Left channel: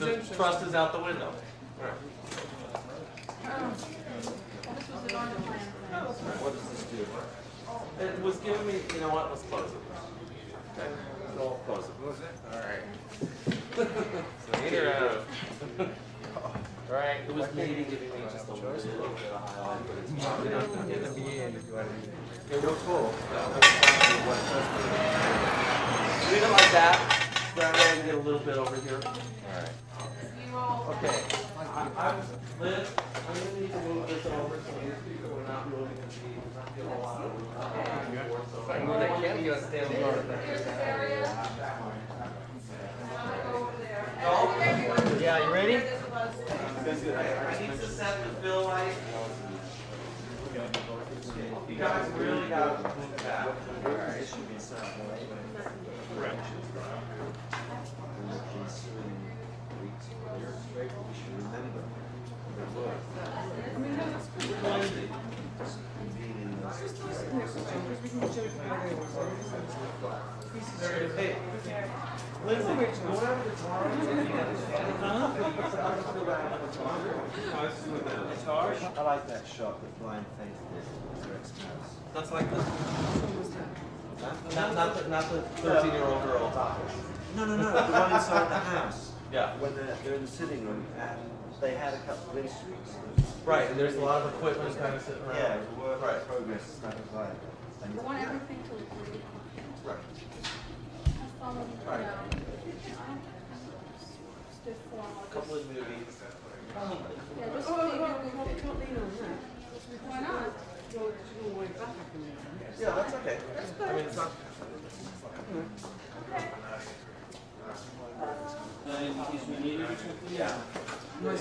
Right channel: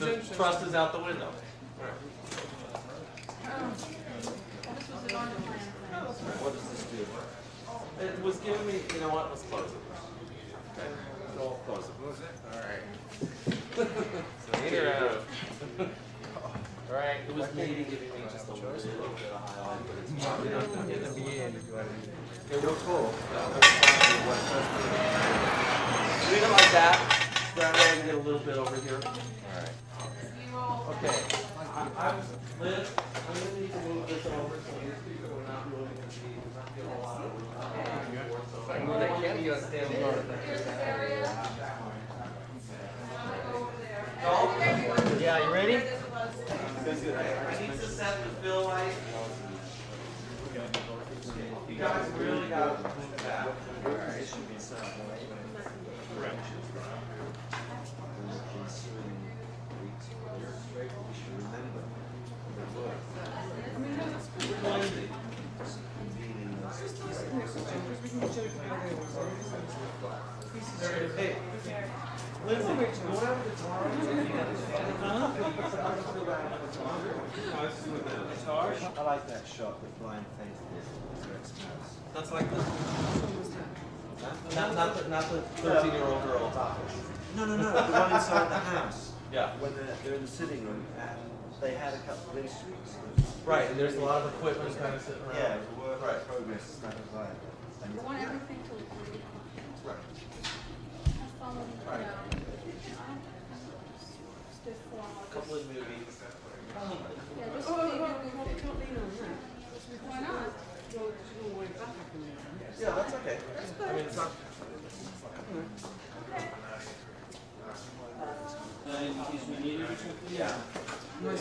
the trust is out the window. Right. What does this do? It was giving me, you know what, let's close it. Okay, so I'll close it. Alright. Alright, it was maybe giving me just a little bit of highlight, but it's not enough to get it. It was cool. Read it like that. Grab it and get a little bit over here. Alright. Okay. Liz, I'm going to need to move this over so we're not really going to get a lot of Yeah, you ready? I need to set the fill light. You guys really got to move that. Alright, it should be set. Hey, Lindsay, go out to the car. I like that shot with blind faith. That's like this. Not the 13-year-old girl talking. No, the one inside the house. Yeah. When they're in the sitting room and they had a couple of instruments. Right, and there's a lot of equipment kind of sitting around. Yeah, the work in progress is kind of like. You want everything to agree. Right. Right. A couple of movies. Yeah, just don't lean on that. Why not? Yeah, that's okay. I mean, it's not. Yeah. Is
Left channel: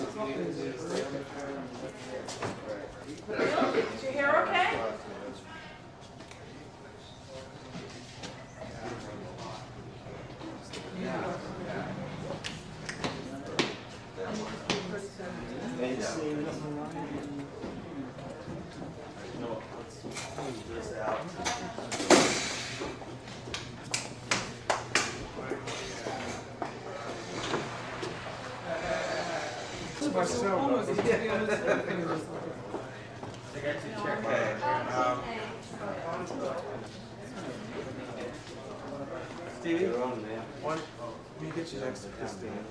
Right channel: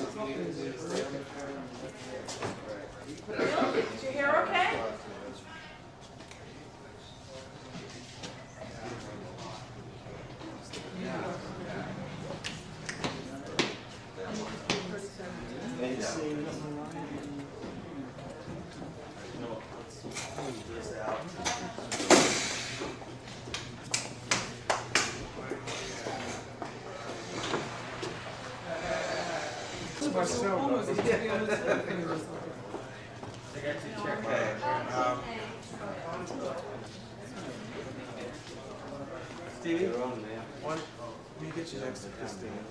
your hair okay? This out. Stevie, You're on there. let me get you next to Christine.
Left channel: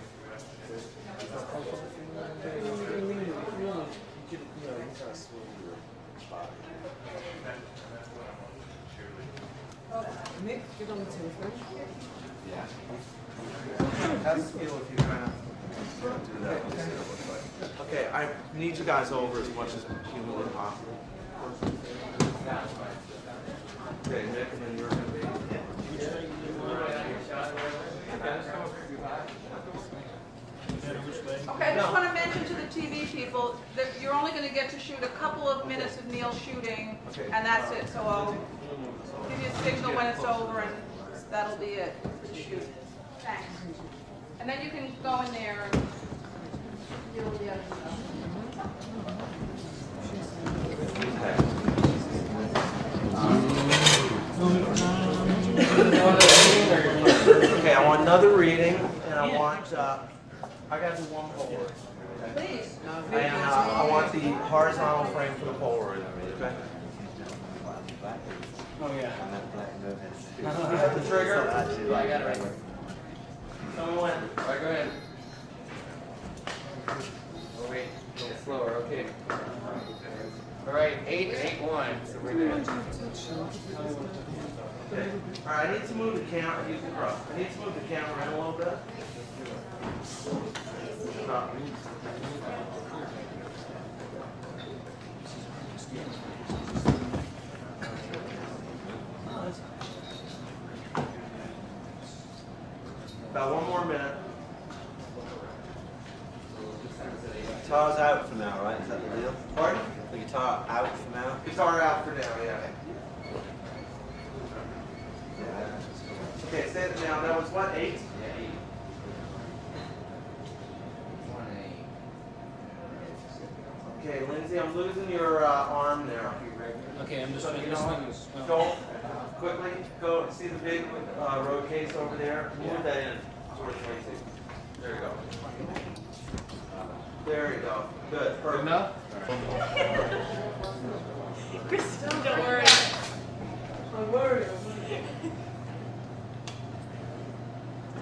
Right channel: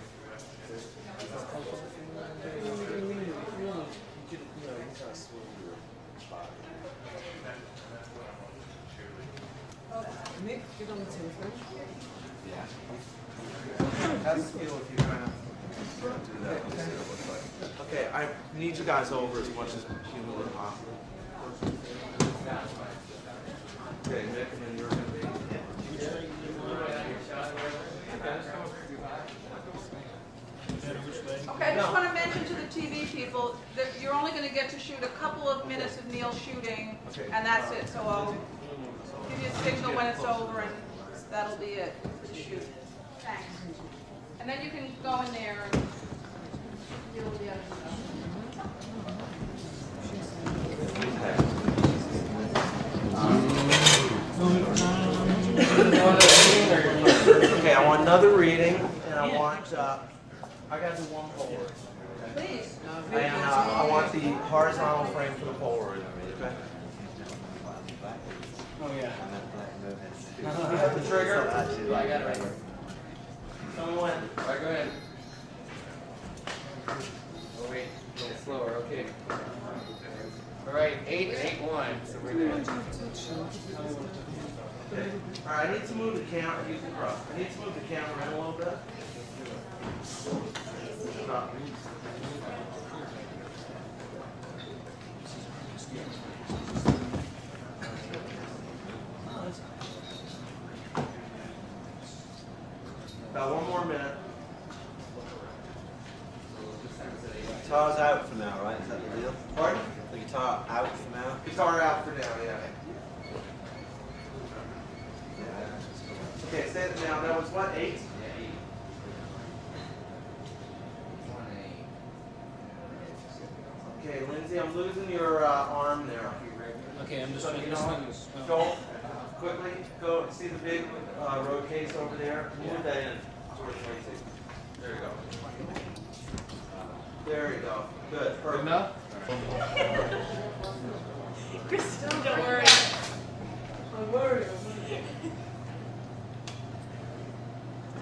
Nick, get on the telephone. Yeah. Have a feel if you kind of do that. Okay, I need you guys over as much as humanly possible. Okay, Nick, and then you're going to be. Okay, I just want to mention to the TV people that you're only going to get to shoot a couple of minutes of Neil shooting, and that's it. So I'll give you a signal when it's over, and that'll be it. Shoot. Thanks. And then you can go in there and deal with the other stuff. Okay, I want another reading, and I want, I got to do one forward. Please. And I want the horizontal frame for the forward. Okay. Oh, yeah. And that black note has You have the trigger? I do like it right here. Tell me when. All right, go ahead. Oh, wait, a little slower, okay. All right, 8-8-1. So we're good. Okay. All right, I need to move the camera. Use the brush. I need to move the camera in a little bit. Stop. About one more minute. Guitar's out for now, right? Is that the deal? Pardon? The guitar out for now? Guitar out for now, yeah. Okay, say it now. That was what, 8? Yeah, 8. Okay, Lindsay, I'm losing your arm there. Okay, I'm just So, going you to know, go quickly, go see the big road case over there. Move that in towards Lindsay. There you go. There you go. Good. Perfect. Enough? Chris, don't worry. I'm worried.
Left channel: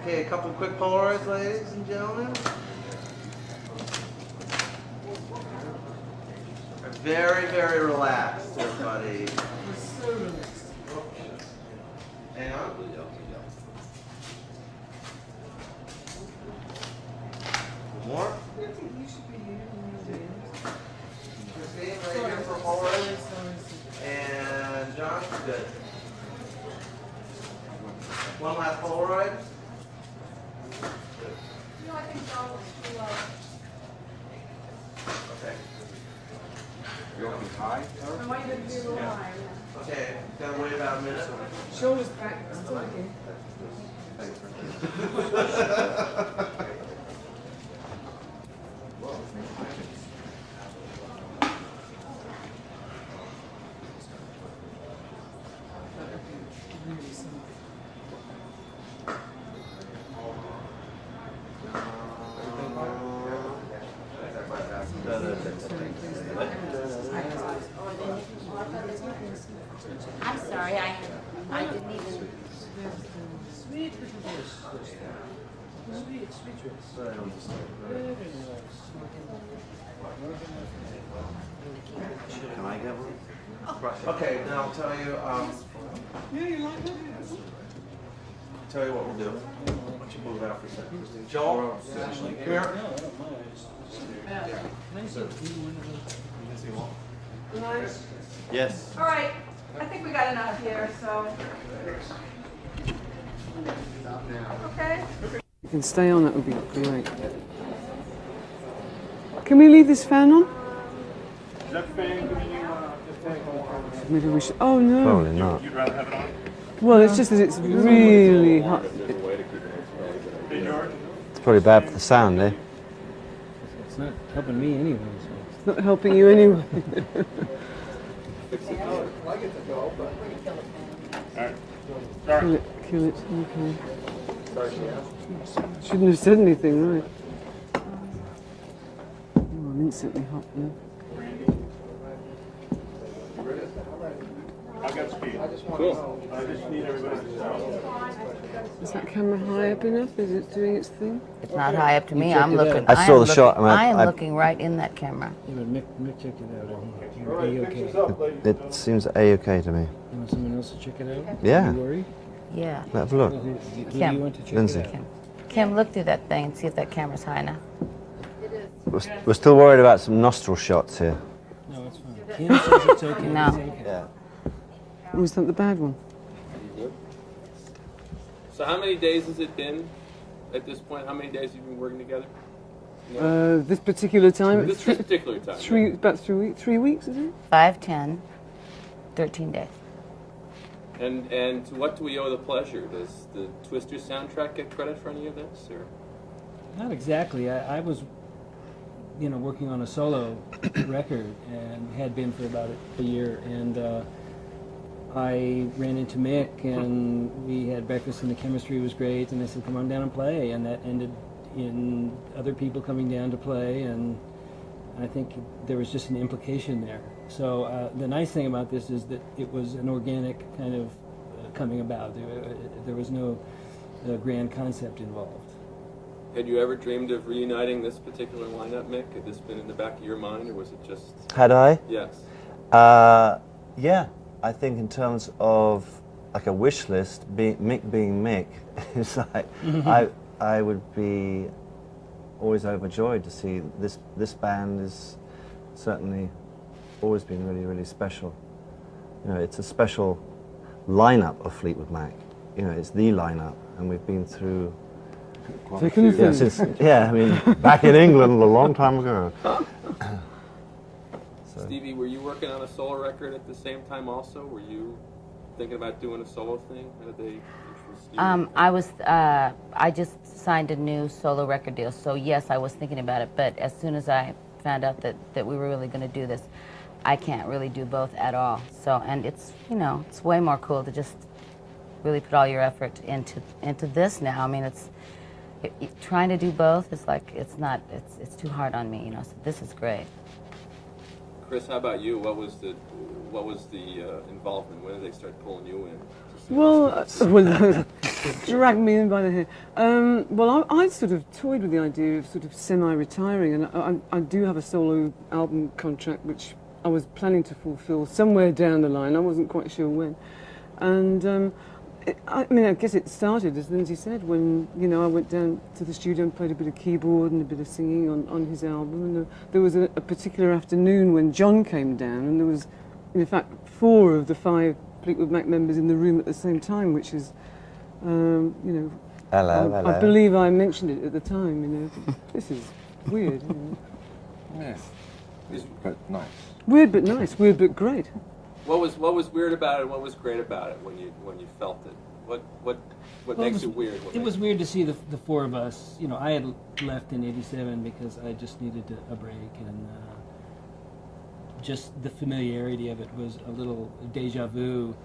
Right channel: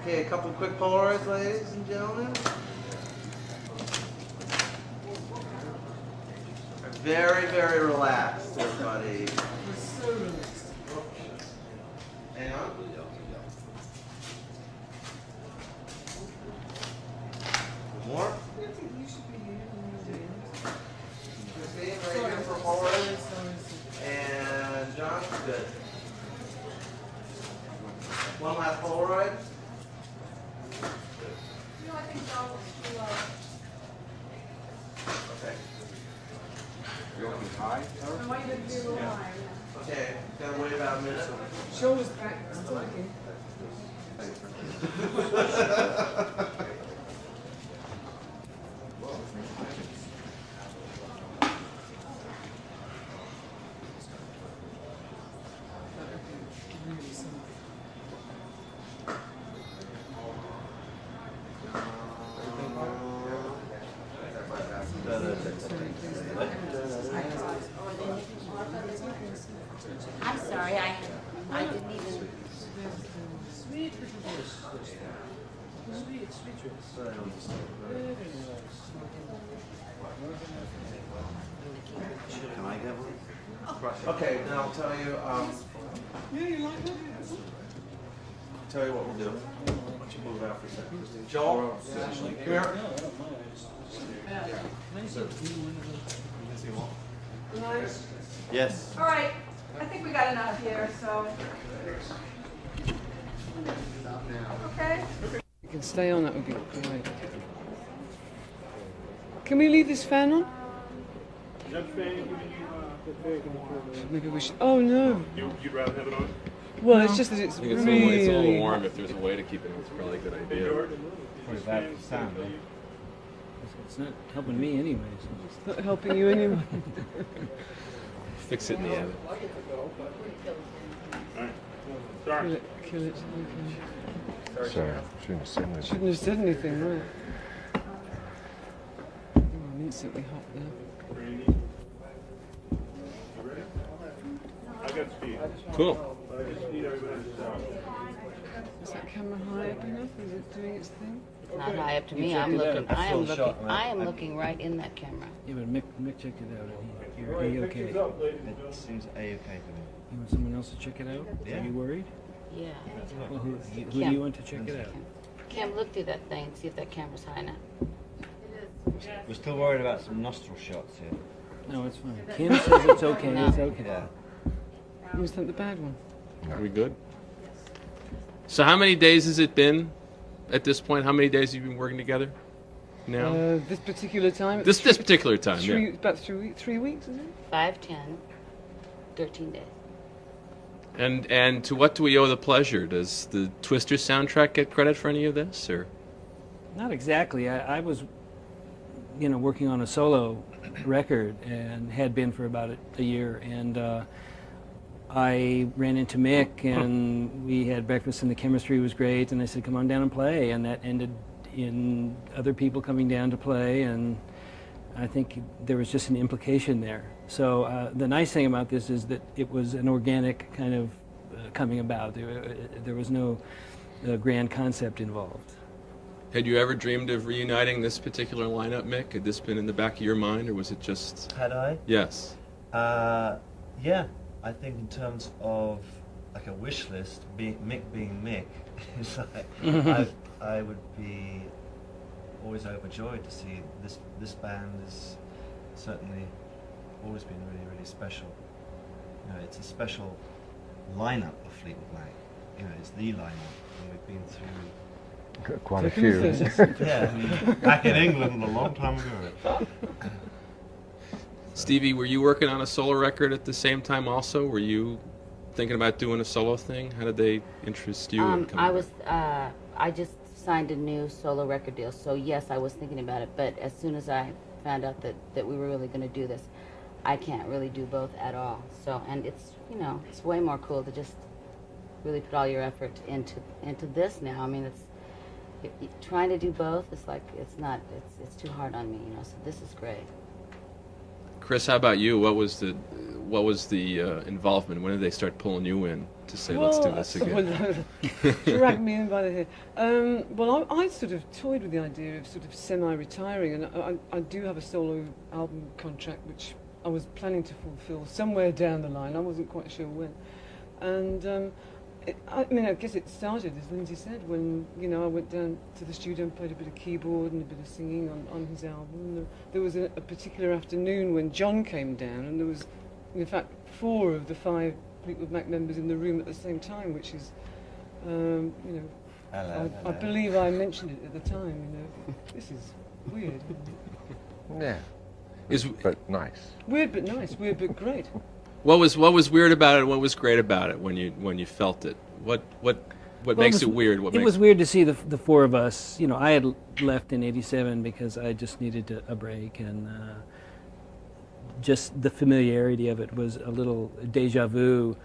Okay, a couple quick Polaroids, ladies and gentlemen. Very, very relaxed, everybody. Hang on. More? Christine, right here for Polaroids. And John, good. One last Polaroid. No, I think John will be Okay. You want to be high? I want you to be a little higher. Okay, gotta wait about a minute. Show us back. Still okay. I'm sorry, I didn't even. Can I get one? Okay, now I'll tell you, tell you what we'll do. Why don't you move out for a second? Joel, here. Yes. All right, I think we got enough here, so. Okay? You can stay on, that would be great. Can we leave this fan on? Maybe we should. Oh no. Probably not. Well, it's just that it's really hot. If there's a way to keep it, it's probably a good idea. It's probably bad for the sound, eh? It's not helping me anyway. So. It's not helping you anyway. Fix it in the end. Kill it. Okay. Shouldn't have said anything, right? Oh, I'm instantly hot now. Cool. Is that camera high up enough? Is it doing its thing? It's not high up to me. I'm looking. I saw the shot. I am looking right in that camera. Yeah, but Mick checked it out. Are you okay? It seems A-okay to me. You want someone else to check it out? Yeah. Are you worried? Yeah. Let's have a look. Who do Kim. you want to check Lindsay. it out? Kim, look through that thing and see if that camera's high enough. We're still worried about some nostril shots here. No, it's fine. Kim says it's okay. No. It's okay. Yeah. Oh, is that the bad one? Are we good? So how many days has it been at this point? How many days have you been working together now? This particular time? this particular time, yeah. About 3 weeks, is it? 5, 10, 13 days. And to what do we owe the pleasure? Does the Twister soundtrack get credit for any of this, or? Not exactly. I was, working on a solo record and had been for about a year. And I ran into Mick and we had breakfast and the chemistry was great. And I said, come on down and play. And that ended in other people coming down to play. And I think there was just an implication there. So the nice thing about this is that it was an organic kind of coming about. There was no grand concept involved. Had you ever dreamed of reuniting this particular lineup, Mick? Had this been in the back of your mind, or was it just... Had I? Yes. Yeah. I think in terms of like a wish list, Mick being Mick, it's like I would be always overjoyed to see this band is certainly always been really, really special. It's a special lineup of Fleetwood Mac. It's the lineup, and we've been through Quite a few. I mean, back in England a long time ago. Stevie, were you working on a solo record at the same time also? Were you thinking about doing a solo thing? How did they interest you? I just signed a new solo record deal, so yes, I was thinking about it, but as soon as I found out that we were really going to do this, I can't really do both at all. So, and it's, it's way more cool to just really put all your effort into this now. I mean, trying to do both is like, it's too hard on me, you know, so this is great. Chris, how about you? What was the involvement? When did they start pulling you in to say, Well, let's do this again? drag me in by the hair. Well, I sort of toyed with the idea of sort of semi-retiring, and I do have a solo album contract which I was planning to fulfil somewhere down the line. I wasn't quite sure when. And I guess it started, as Lindsay said, when, you know, I went down to the studio and played a bit of keyboard and a bit of singing on his album. And there was a particular afternoon when John came down, and there was, in fact, 4 of the 5 Fleetwood Mac members in the room at the same time, which is, you know, Hello. I believe I mentioned it at the time, you know. This is weird, isn't it? Yeah. But nice. Weird but nice, weird but great. What was weird about it, and what was great about it when you felt it? What makes it weird? It was weird to see the 4 of us. You know, I had left in '87 because I just needed a break, and just the familiarity of it was a little deja vu.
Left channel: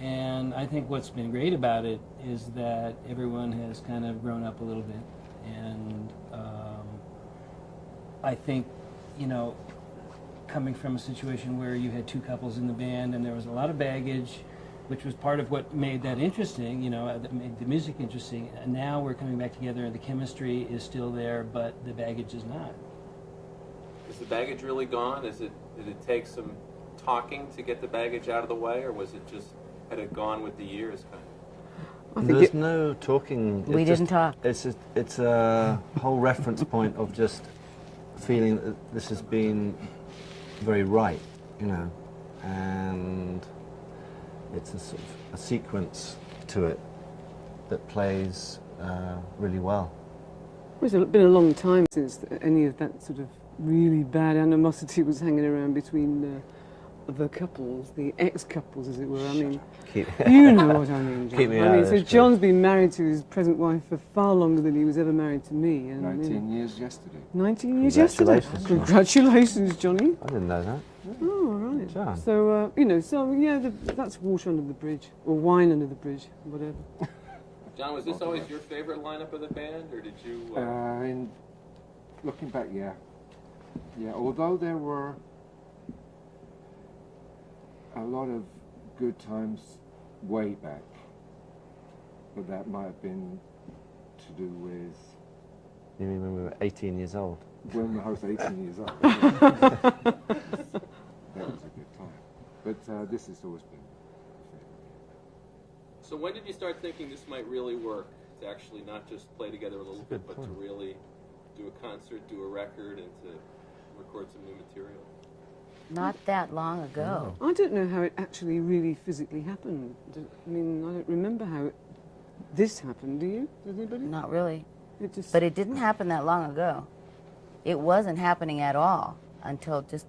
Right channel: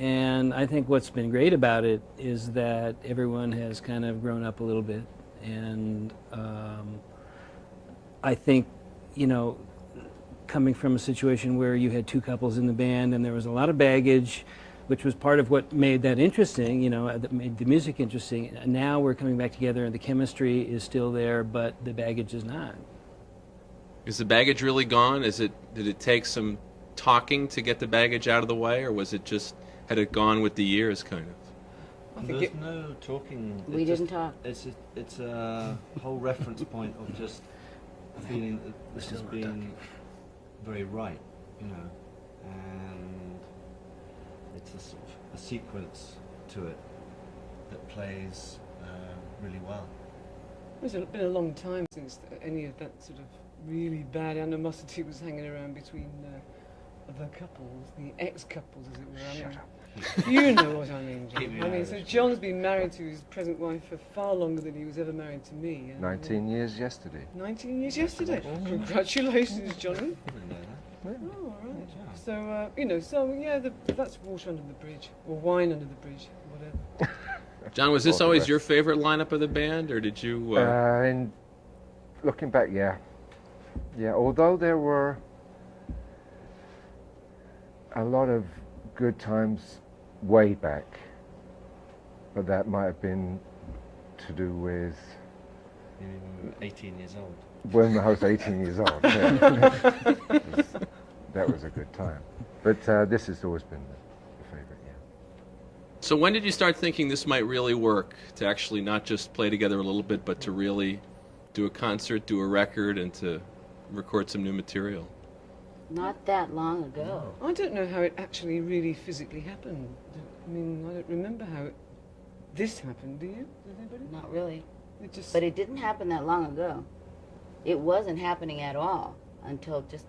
And I think what's been great about it is that everyone has kind of grown up a little bit, and I think, you know, coming from a situation where you had 2 couples in the band and there was a lot of baggage, which was part of what made that interesting, you know, that made the music interesting. Now we're coming back together and the chemistry is still there, but the baggage is not. Is the baggage really gone? Did it take some talking to get the baggage out of the way, or was it just, had it gone with the years, kind of? There's no talking. We didn't talk. It's a whole reference point of just feeling that this has been very right, you know, and it's a sort of a sequence to it that plays really well. It's been a long time since any of that sort of really bad animosity was hanging around between the couples, the ex-couples, as it were. I mean, you know what I mean, John. Keep me I out mean, of so this, John's been married to his present wife for far longer than he was ever married to me. And, 19 years yesterday. 19 years yesterday. Congratulations. Congratulations, Johnny. I didn't know that. Oh, right. John. So, you know, that's water under the bridge, or wine under the bridge, whatever. John, was this always your favorite lineup of the band, or did you? In looking back, yeah. Although there were a lot of good times way back, but that might have been to do with You mean when we were 18 years old? when I was 18 years old. Yeah. That was a good time. But this has always been the favorite, yeah. So when did you start thinking this might really work, to actually not just play together a little bit, but to really do a concert, do a record, and to record some new material? Not that long ago. I don't know how it actually really physically happened. I mean, I don't remember how this happened, do you? Does anybody? Not really. It just... But it didn't happen that long ago. It wasn't happening at all until just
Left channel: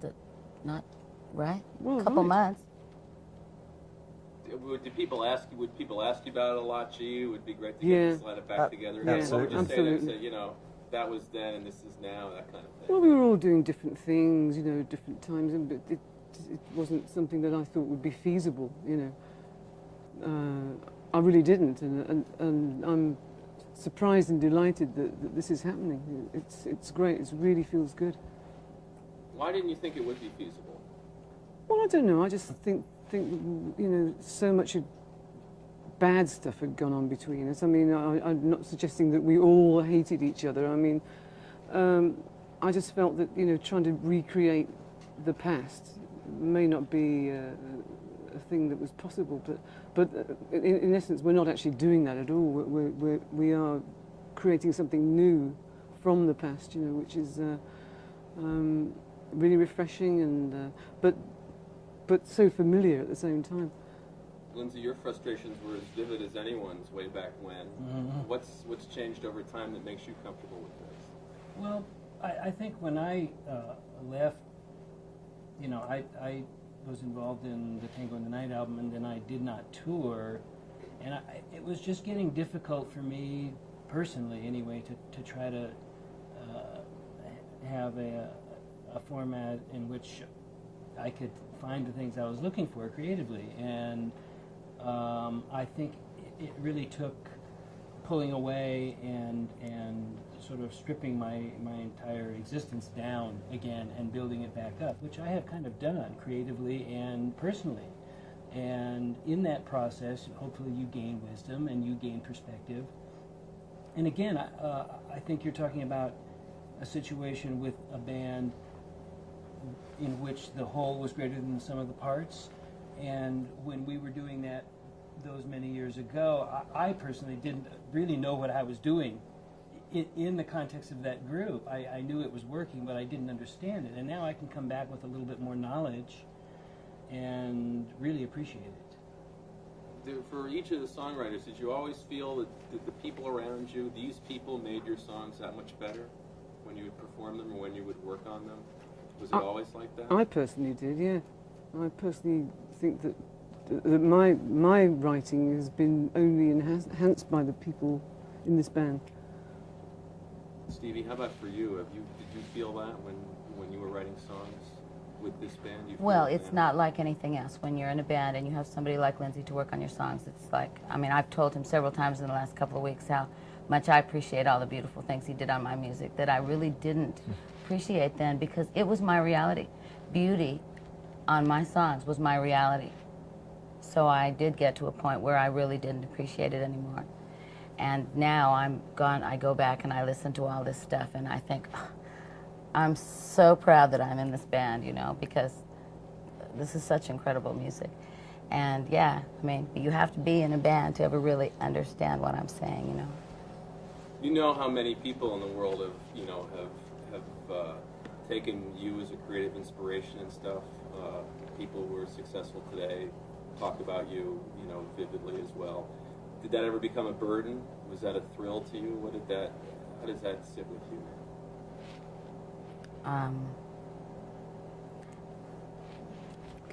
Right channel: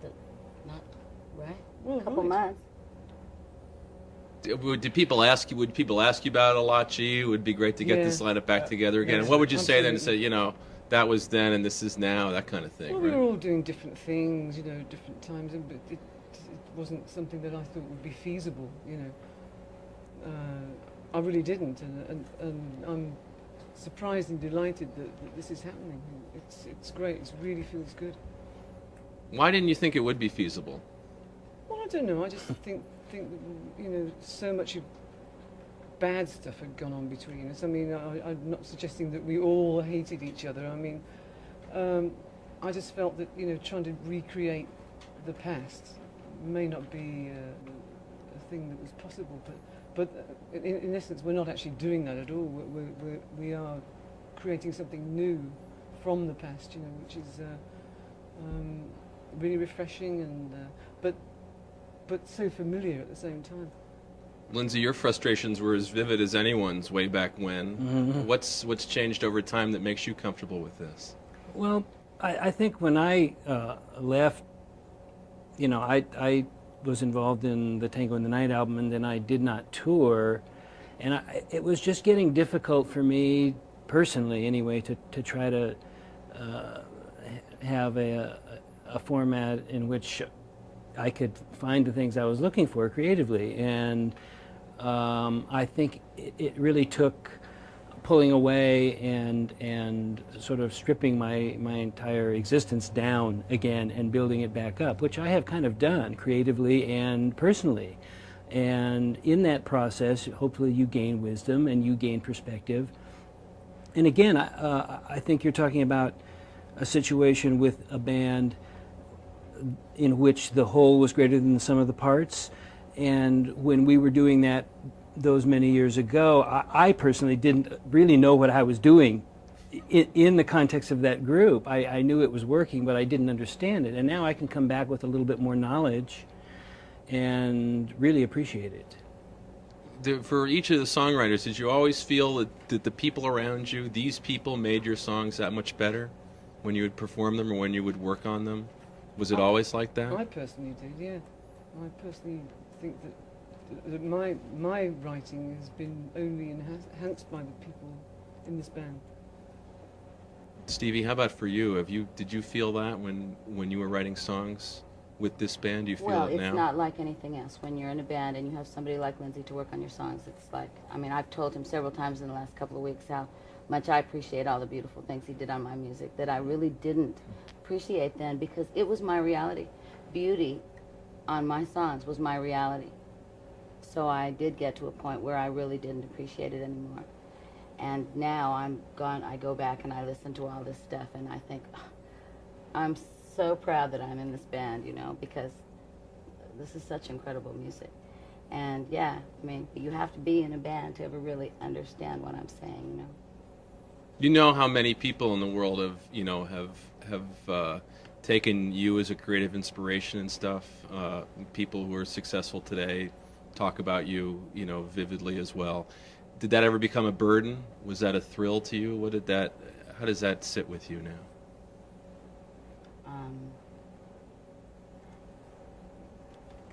Well, couple right. months. Did people ask you? Would people ask you about it a lot? Gee, it would be great to get Yeah. this lineup back together again. And what would you say then? Absolutely. Say, you know, that was then and this is now, that kind of thing. Well, right? we were all doing different things, you know, different times, but it wasn't something that I thought would be feasible, you know. I really didn't, and I'm surprised and delighted that this is happening. It's great. It really feels good. Why didn't you think it would be feasible? Well, I don't know. I just think you know, so much bad stuff had gone on between us. I mean, I'm not suggesting that we all hated each other. I mean, I just felt that, you know, trying to recreate the past may not be a thing that was possible. But in essence, we're not actually doing that at all. We are creating something new from the past, you know, which is really refreshing and but so familiar at the same time. Lindsay, your frustrations were as vivid as anyone's way back when. Mm-hmm. What's changed over time that makes you comfortable with this? Well, I think when I left, you know, I was involved in the Tango in the Night album, and then I did not tour, and it was just getting difficult for me personally, anyway, to try to have a format in which I could find the things I was looking for creatively, and I think it really took pulling away and sort of stripping my entire existence down again and building it back up, which I have kind of done creatively and personally. And in that process, hopefully you gain wisdom and you gain perspective. And again, I think you're talking about a situation with a band in which the whole was greater than the sum of the parts. And when we were doing that those many years ago, I personally didn't really know what I was doing in the context of that group. I knew it was working, but I didn't understand it. And now I can come back with a little bit more knowledge and really appreciate it. For each of the songwriters, did you always feel that the people around you, these people, made your songs that much better when you would perform them or when you would work on them? Was it always like that? I personally did, yeah. I personally think that my writing has been only enhanced by the people in this band. Stevie, how about for you? Did you feel that when you were writing songs with this band? Do you feel Well, it it's now? not like anything else. When you're in a band and you have somebody like Lindsay to work on your songs, it's like, I mean, I've told him several times in the last couple of weeks how much I appreciate all the beautiful things he did on my music that I really didn't appreciate then, because it was my reality. Beauty on my songs was my reality. So I did get to a point where I really didn't appreciate it anymore. And now I go back and I listen to all this stuff and I think, oh, I'm so proud that I'm in this band, you know, because this is such incredible music. And yeah, I mean, you have to be in a band to ever really understand what I'm saying, you know. You know how many people in the world have taken you as a creative inspiration and stuff. People who are successful today talk about you, vividly as well. Did that ever become a burden? Was that a thrill to you? How does that sit with you now?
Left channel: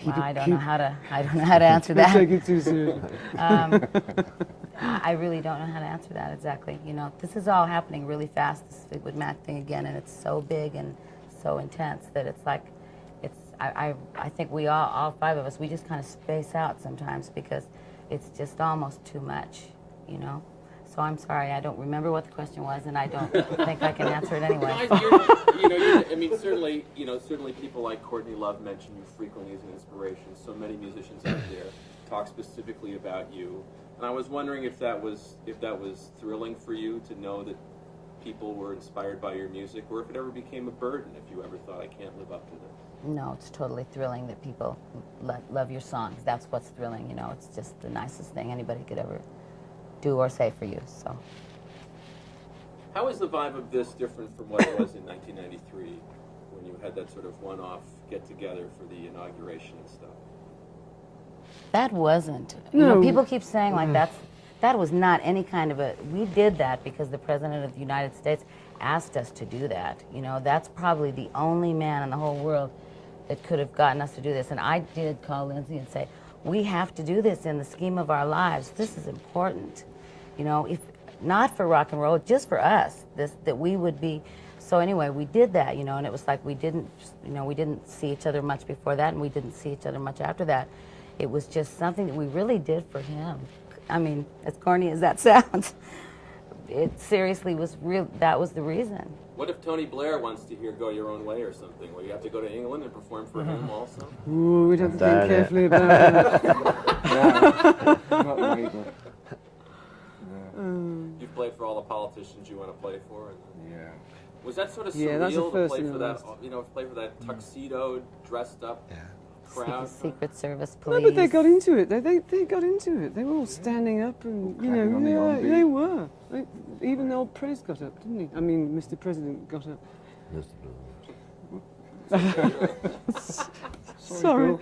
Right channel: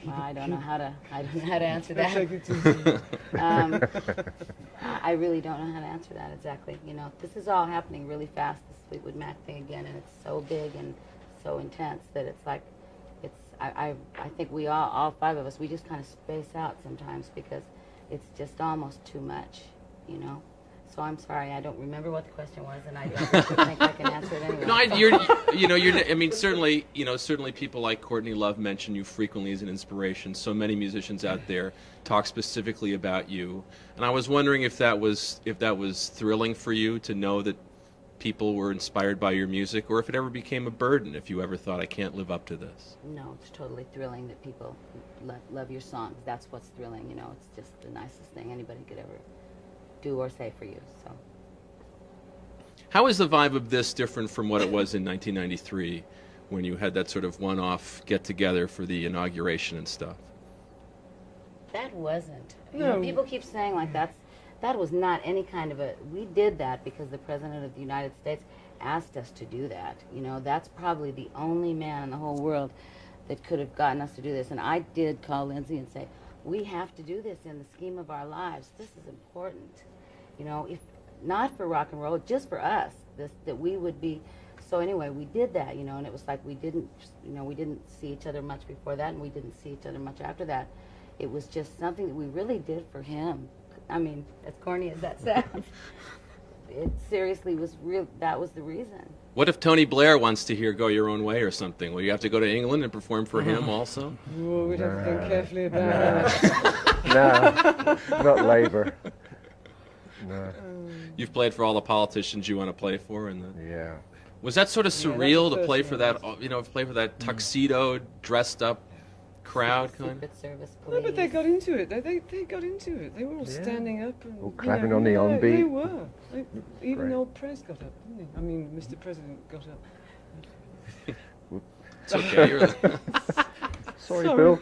Well, I don't know how to answer that. I really don't know how to answer that exactly. You know, this is all happening really fast, this Fleetwood Mac thing again, and it's so big and so intense that it's like, I think we all five of us, we just kind of space out sometimes because it's just almost too much, you know. So I'm sorry, I don't remember what the question was, and I don't think I can answer it anyway. No, certainly people like Courtney Love mention you frequently as an inspiration. So many musicians out there talk specifically about you, and I was wondering if that was thrilling for you to know that people were inspired by your music, or if it ever became a burden, if you ever thought, I can't live up to this. No, it's totally thrilling that people love your songs. That's what's thrilling, you know. It's just the nicest thing anybody could ever do or say for you. So, how is the vibe of this different from what it was in 1993 when you had that sort of one-off get-together for the inauguration and stuff? That wasn't. You know, people keep saying like that was not any kind of a. We did that because the President of the United States asked us to do that. You know, that's probably the only man in the whole world that could have gotten us to do this. And I did call Lindsay and say, we have to do this in the scheme of our lives. This is important. You know, if not for rock and roll, just for us, that we would be. So anyway, we did that, you know, and it was like we didn't see each other much before that, and we didn't see each other much after that. It was just something that we really did for him. I mean, as corny as that sounds, it seriously was real. That was the reason. What if Tony Blair wants to hear Go Your Own Way or something? Will you have to go to England and perform for him also? Ooh, we'd have to think carefully about that. No, not Labour. No. You've played for all the politicians you want to play for, Yeah. Was that sort of surreal to play for that? person Play for that tuxedo, dressed up crowd. Secret Service police. No, but they got into it. They got into it. They were all standing up and All clapping on the on beat. They were. Even old Prez got up, didn't he? I mean, Mr. President got up. It's okay. Sorry, Bill.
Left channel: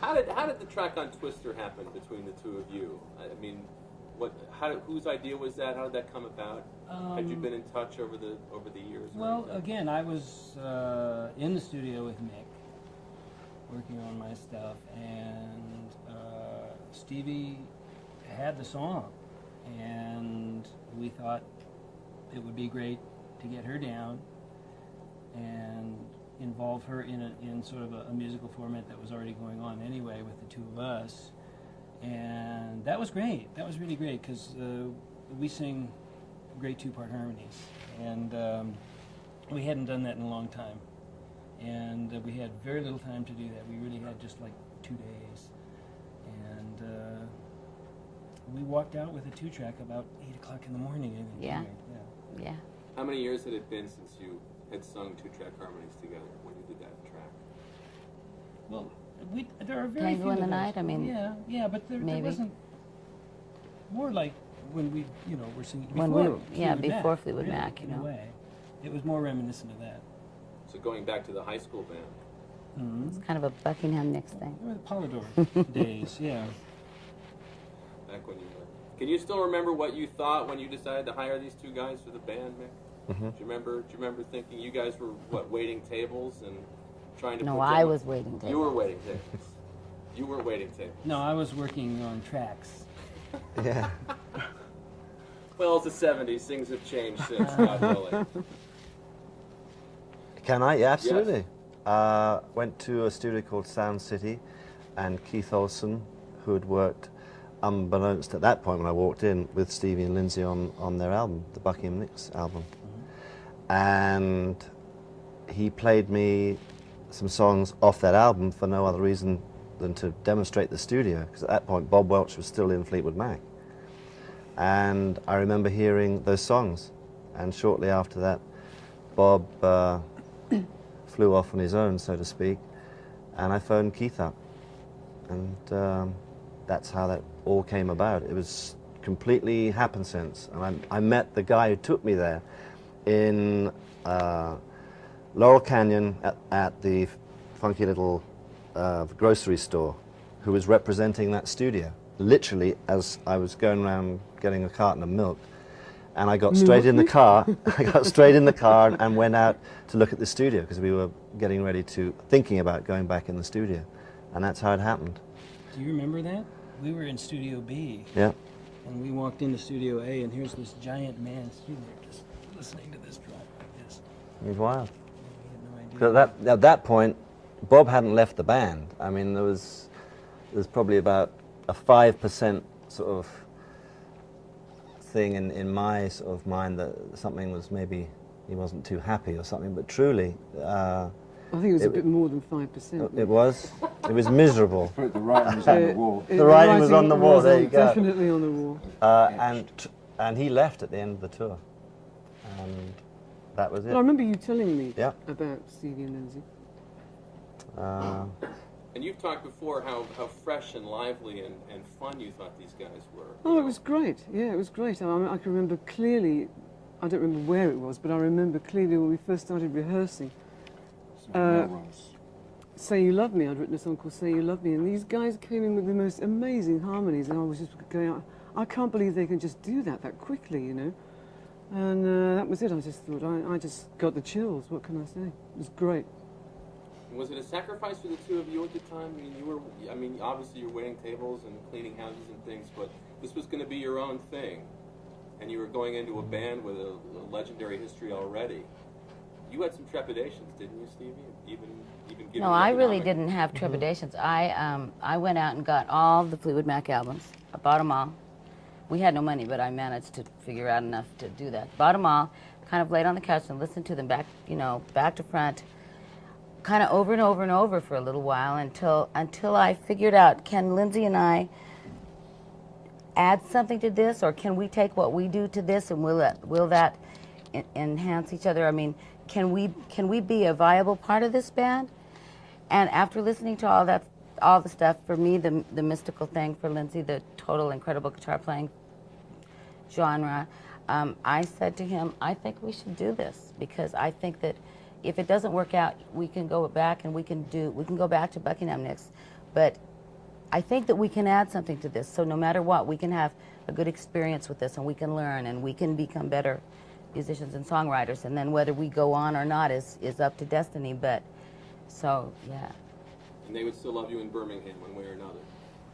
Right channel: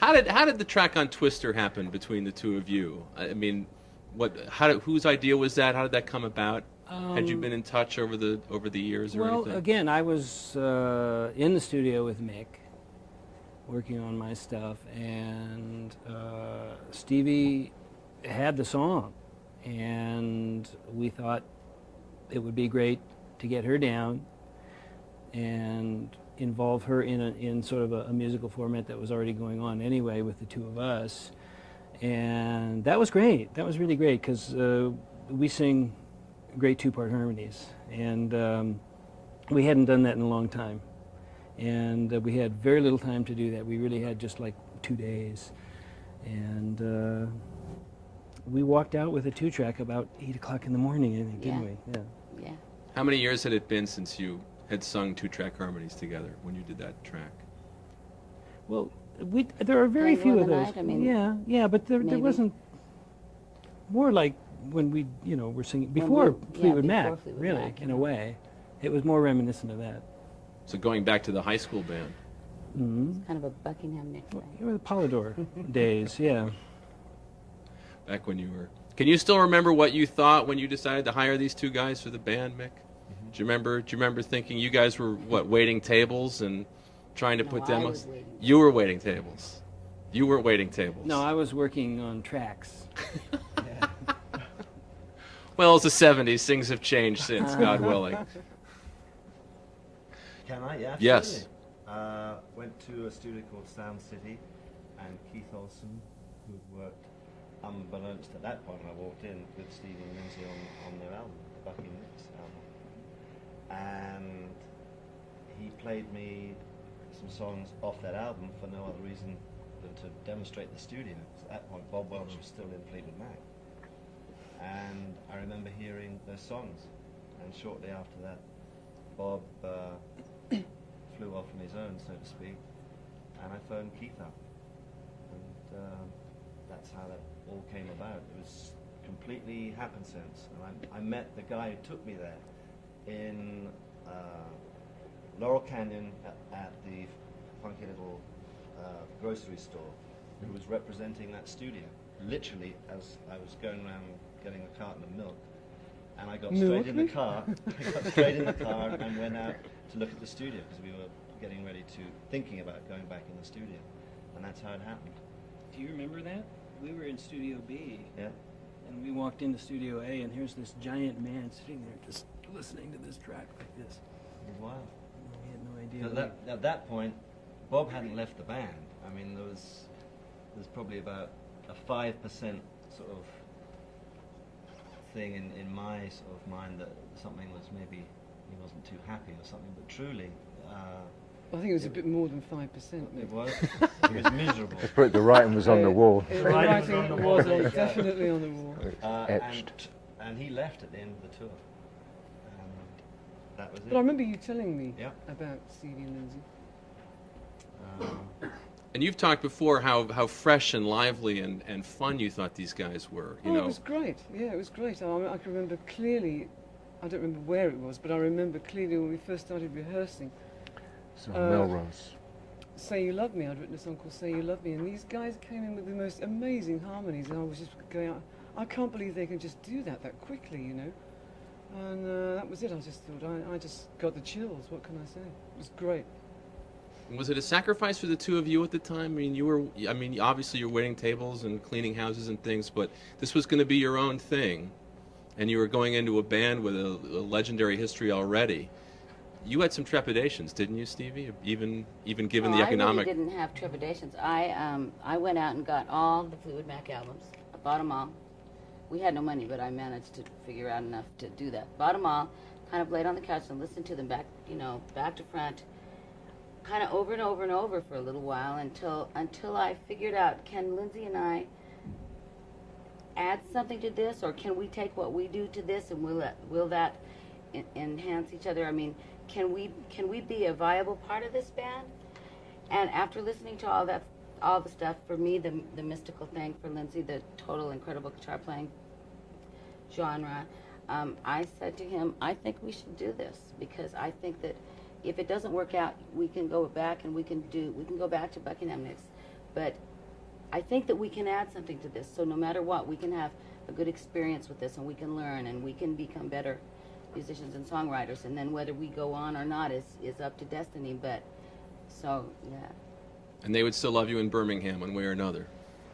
How did the track on Twister happen between the two of you? I mean, whose idea was that? How did that come about? Had you been in touch over the years or anything? Well, again, I was in the studio with Mick, working on my stuff, and Stevie had the song, and we thought it would be great to get her down and involve her in sort of a musical format that was already going on anyway with the two of us. And that was great. That was really great because we sing great two-part harmonies, and we hadn't done that in a long time. And we had very little time to do that. We really had just like 2 days. And we walked out with a 2-track about 8 o'clock in the morning, I think, didn't we? Yeah. Yeah. How many years had it been since you had sung 2-track harmonies together when you did that track? Well, there are very few Tango in of the those. Night, I mean, yeah, but there maybe. wasn't more like when we, were singing When before we- yeah, Fleetwood before Mac, Fleetwood really, Mac, in a yeah. way. It was more reminiscent of that. So going back to the high school band. Mm-hmm. It's kind of a Buckingham Nicks thing. They were the Polydor days, yeah. Back when you were. Can you still remember what you thought when you decided to hire these 2 guys for the band, Mick? Mm-hmm. Do you remember thinking you guys were waiting tables and trying to No, put I demos? was waiting You were waiting tables. You were waiting tables. No, I was working on tracks. Yeah. Well, it's the 70s. Things have changed since, God willing. Can I? Yeah, Yes. absolutely. Went to a studio called Sound City, and Keith Olsen, who had worked, unbeknownst at that point when I walked in, with Stevie and Lindsay on their album, the Buckingham Nicks album. And he played me some songs off that album for no other reason than to demonstrate the studio, because at that point Bob Welch was still in Fleetwood Mac. And I remember hearing those songs, and shortly after that Bob flew off on his own, so to speak, and I phoned Keith up, and that's how that all came about. It was completely happenstance, and I met the guy who took me there in Laurel Canyon at the funky little grocery store, who was representing that studio, literally as I was going around getting a carton of milk. And I got straight in the car. I got straight in the car and went out to look at the studio, because we were getting ready thinking about going back in the studio. And that's how it happened. Do you remember that? We were in Studio B. Yeah. And we walked into Studio A, and here's this giant man sitting there just listening to this track like this. It was wild. I had no idea. Because at that point, Bob hadn't left the band. I mean, there's probably about a 5% sort of thing in my sort of mind that something was, maybe he wasn't too happy or something, but truly I think it was a bit more than 5%. it was miserable. But the writing was on the wall. The writing was on the wall, there you go. Definitely on the wall. And he left at the end of the tour, and that was it. Well, I remember you telling me Yeah. about Stevie and Lindsay. And you've talked before how fresh and lively and fun you thought these guys were. You Oh, know. it was great. Yeah, it was great. I can remember clearly, I don't remember where it was, but I remember clearly when we first started rehearsing. So Melrose. Say You Love Me, I'd written a song called Say You Love Me, and these guys came in with the most amazing harmonies, and I was just going, I can't believe they can just do that quickly, you know. And that was it. I just thought, I just got the chills. What can I say? It was great. Was it a sacrifice for the 2 of you at the time? I mean, obviously you're waiting tables and cleaning houses and things, but this was going to be your own thing, and you were going into a band with a legendary history already. You had some trepidations, didn't you, Stevie? Even given No, the I economic. really didn't have trepidations. I went out and got all the Fleetwood Mac albums. I bought them all. We had no money, but I managed to figure out enough to do that. Bought them all, kind of laid on the couch and listened to them back to front, kind of over and over and over for a little while until I figured out, can Lindsay and I add something to this, or can we take what we do to this, and will that enhance each other? I mean, can we be a viable part of this band? And after listening to all the stuff, for me, the mystical thing, for Lindsay, the total incredible guitar playing genre, I said to him, I think we should do this, because I think that if it doesn't work out, we can go back and we can go back to Buckingham Nicks, but I think that we can add something to this. So no matter what, we can have a good experience with this, and we can learn, and we can become better musicians and songwriters. And then whether we go on or not is up to destiny. But so yeah. And they would still love you in Birmingham one way or another.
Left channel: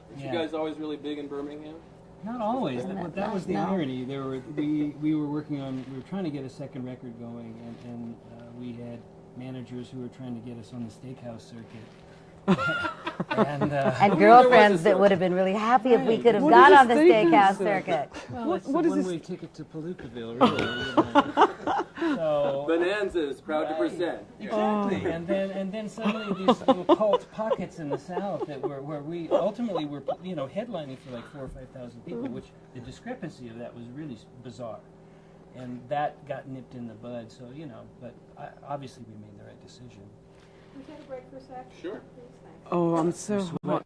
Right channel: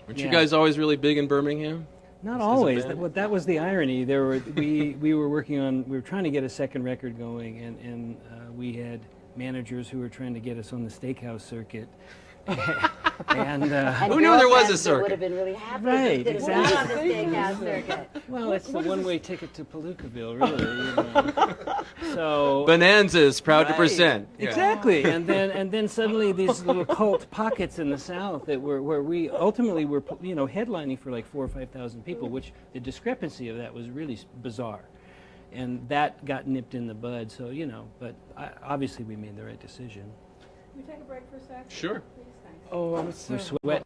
Weren't you Yeah. guys always really big in Birmingham? Not always. band. That was the No. irony. We were trying to get a second record going, and we had managers who were trying to get us on the steakhouse circuit. And And Who knew there was a girlfriends that circuit? would have been really happy if we Right. could have What gone is on this the thing? steakhouse circuit. well, it's the what is one-way ticket to Palookaville, really. You know. So Bonanza is proud to Right. present. Yeah. Exactly, and then suddenly these little cult pockets in the South that where we ultimately were, you know, headlining for like 4,000 or 5,000 people, which the discrepancy of that was really bizarre, and that got nipped in the bud. So you know, but obviously we made the right decision. Can we take a break for a sec? Sure. Please, thanks. Oh, I'm so Sweat.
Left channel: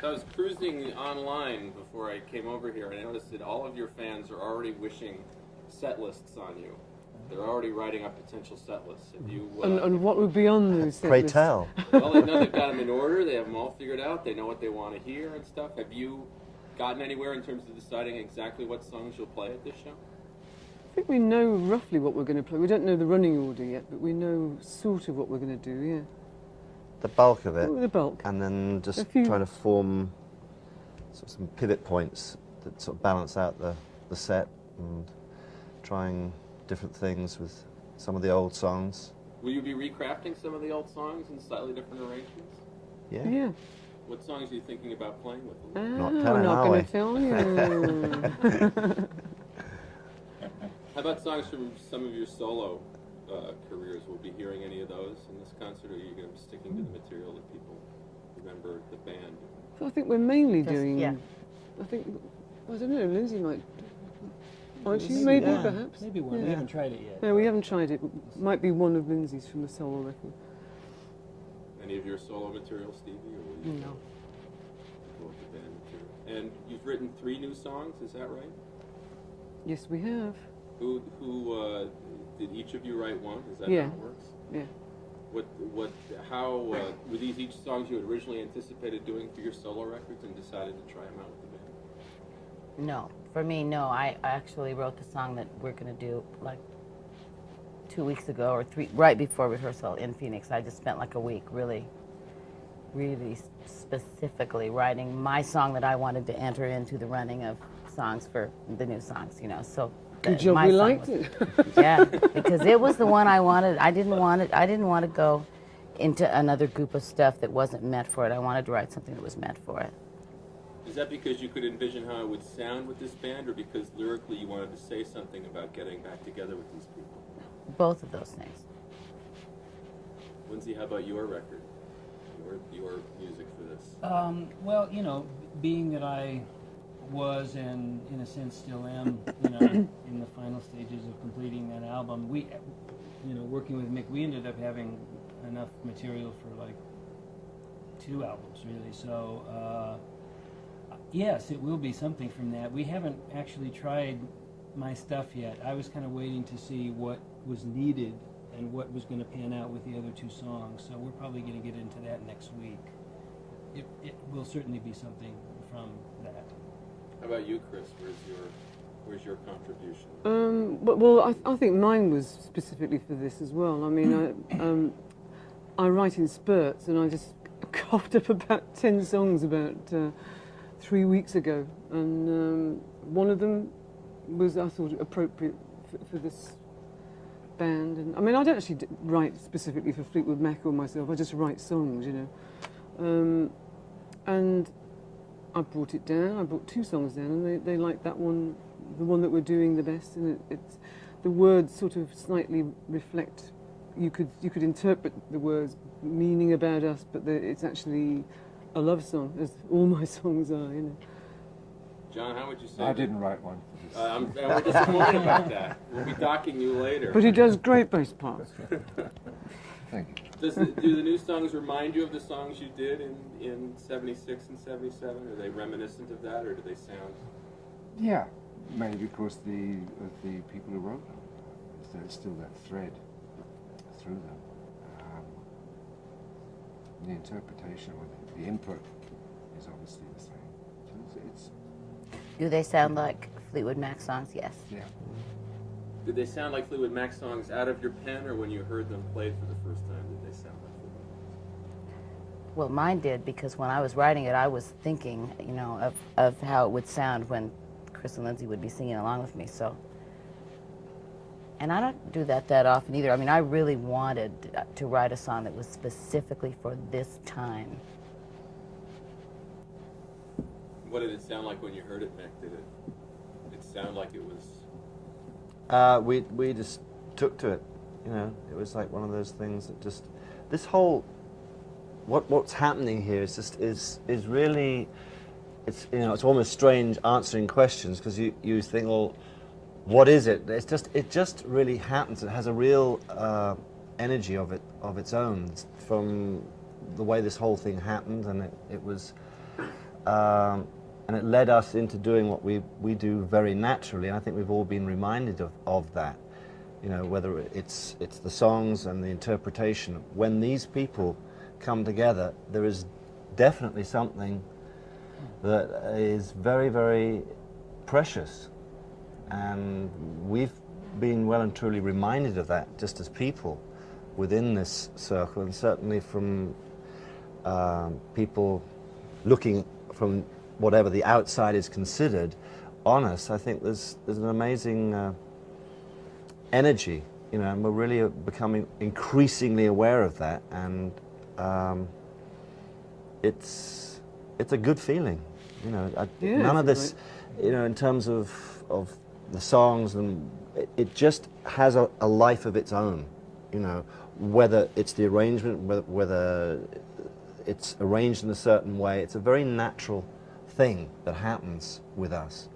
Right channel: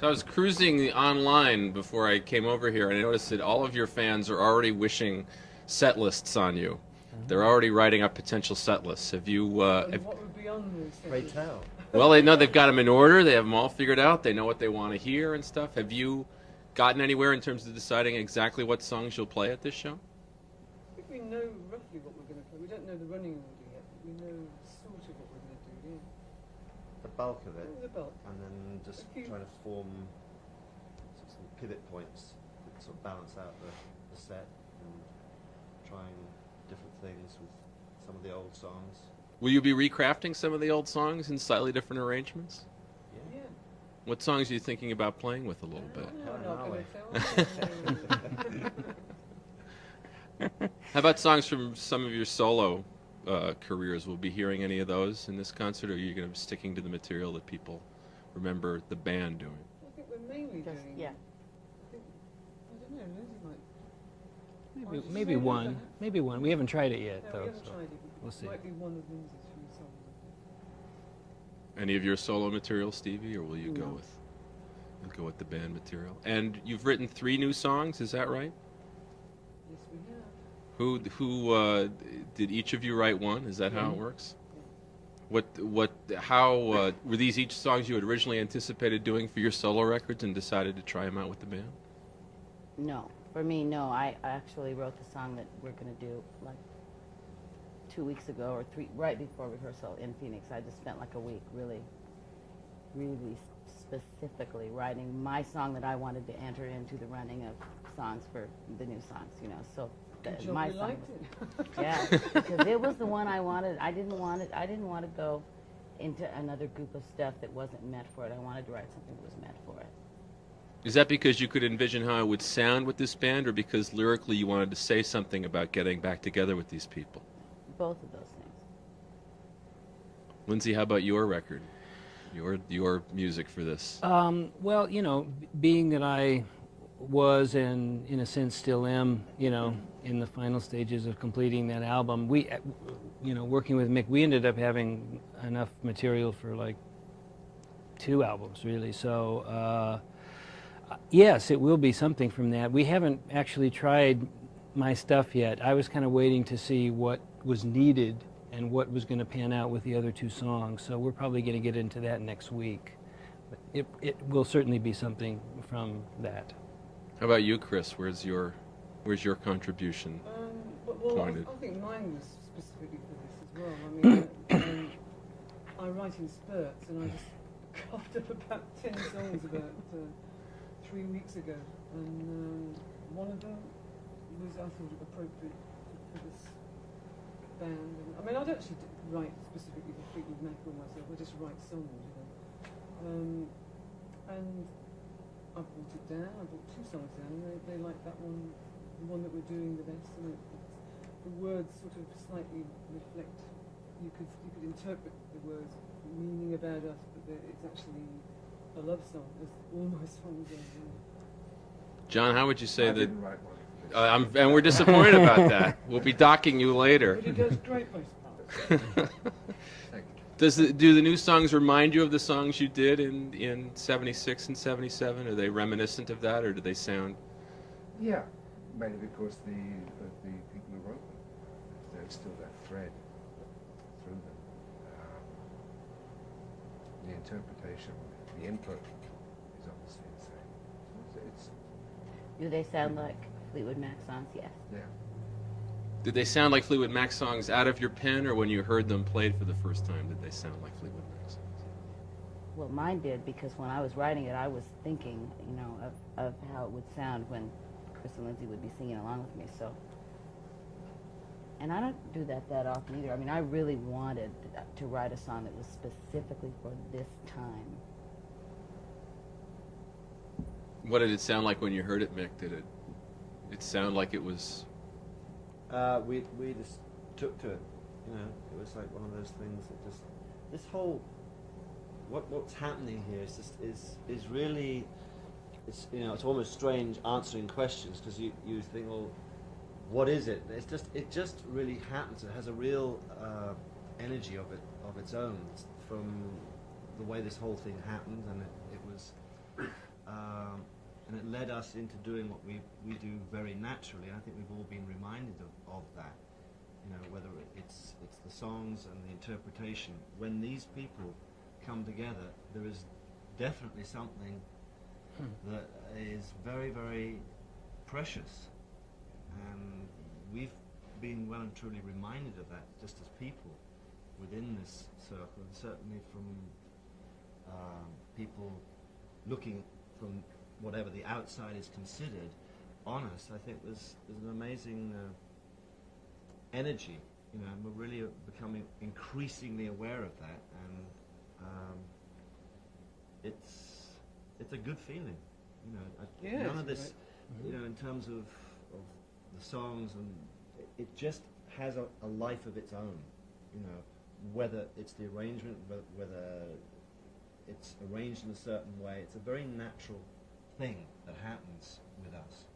So I was cruising online before I came over here, and I noticed that all of your fans are already wishing set lists on you. They're already writing up potential set lists. Have you? And what would be on those? Pray lists? tell. Well, they know they've got them in order. They have them all figured out. They know what they want to hear and stuff. Have you gotten anywhere in terms of deciding exactly what songs you'll play at this show? I think we know roughly what we're going to play. We don't know the running order yet, but we know sort of what we're going to do. Yeah. The bulk of it, The bulk. and then just A few- try to form some pivot points that sort of balance out the set, and trying different things with some of the old songs. Will you be recrafting some of the old songs in slightly different arrangements? Yeah. Yeah. What songs are you thinking about playing with a little bit? Not Oh, telling, not are going we? to film. How about songs from some of your solo careers? Will we be hearing any of those in this concert, or are you going to be sticking to the material that people remember the band doing? So I think we're mainly Just- doing. yeah. I think. I don't know. Lindsay might. Might she? Maybe Maybe one. perhaps. Maybe one. We Yeah. haven't tried it yet. No, we though, haven't so tried it. we'll see. Might be one of Lindsay's from the solo record. Any of your solo material, Stevie, or will you No. go with the band material? And you've written 3 new songs, is that right? Yes, we have. Who did each of you write one? Is that Yeah. how it works? Yeah. How were these each songs you had originally anticipated doing for your solo records and decided to try them out with the band? No, for me, no. I actually wrote the song that we're going to do like 2 weeks ago or 3, right before rehearsal in Phoenix. I just spent like a week really specifically writing my song that I wanted to enter into the running of songs for the new songs, you know. So Good job. my We song liked was- it. Yeah, because it was the one I wanted. I didn't want to go into another group of stuff that wasn't meant for it. I wanted to write something that was meant for it. Is that because you could envision how it would sound with this band, or because lyrically you wanted to say something about getting back together with these people? Both of those things. Lindsay, how about your record? Your music for this? Well, you know, being that I was and in a sense still am, you know, in the final stages of completing that album, we, you know, working with Mick, we ended up having enough material for like 2 albums, really. So, yes, it will be something from that. We haven't actually tried my stuff yet. I was kind of waiting to see what was needed and what was going to pan out with the other 2 songs. So we're probably going to get into that next week. It will certainly be something from that. How about you, Chris? Where's your contribution? Well, I think mine was specifically for this as well. I mean, I write in spurts, and I just coughed up about 10 songs about 3 weeks ago, and one of them was, I thought, appropriate for this band. And I mean, I don't actually write specifically for Fleetwood Mac or myself. I just write songs, you know. And I brought it down. I brought 2 songs down, and they liked that one, the one that we're doing the best. And it's the words sort of slightly reflect. You could interpret the words meaning about us, but it's actually a love song, as all my songs are. You know. John, how would you say I that? didn't write one for this. And we're disappointed about that. We'll be docking you later. But he does great bass parts. Thank you. Do the new songs remind you of the songs you did in 76 and 77? Are they reminiscent of that, or do they sound? Yeah, mainly because of the people who wrote them. There's still that thread through them. The interpretation, or the input, is obviously the same. So it's Do they sound like Fleetwood Mac songs? Yes. yeah. Did they sound like Fleetwood Mac songs out of your pen, or when you heard them played for the first time, did they sound like Fleetwood Mac songs? Well, mine did, because when I was writing it, I was thinking, you know, of how it would sound when Chris and Lindsay would be singing along with me. So And I don't do that often either. I mean, I really wanted to write a song that was specifically for this time. What did it sound like when you heard it, Mick? Did it sound like it was? We just took to it. You know, it was like one of those things that just this whole what's happening here is just is really, it's, you know, it's almost strange answering questions, because you think, well, what is it? It just really happens. It has a real energy of its own, from the way this whole thing happened, and it was and it led us into doing what we do very naturally, and I think we've all been reminded of that. You know, whether it's the songs and the interpretation. When these people come together, there is definitely something that is very, very precious. And we've been well and truly reminded of that, just as people within this circle, and certainly from people looking from whatever the outside is considered on us. I think there's an amazing energy, you know, and we're really becoming increasingly aware of that, and it's a good feeling, you know. None of this, you know, in terms of the songs, and it just has a life of its own, you know, whether it's the arrangement, whether it's arranged in a certain way. It's a very natural thing that happens with us.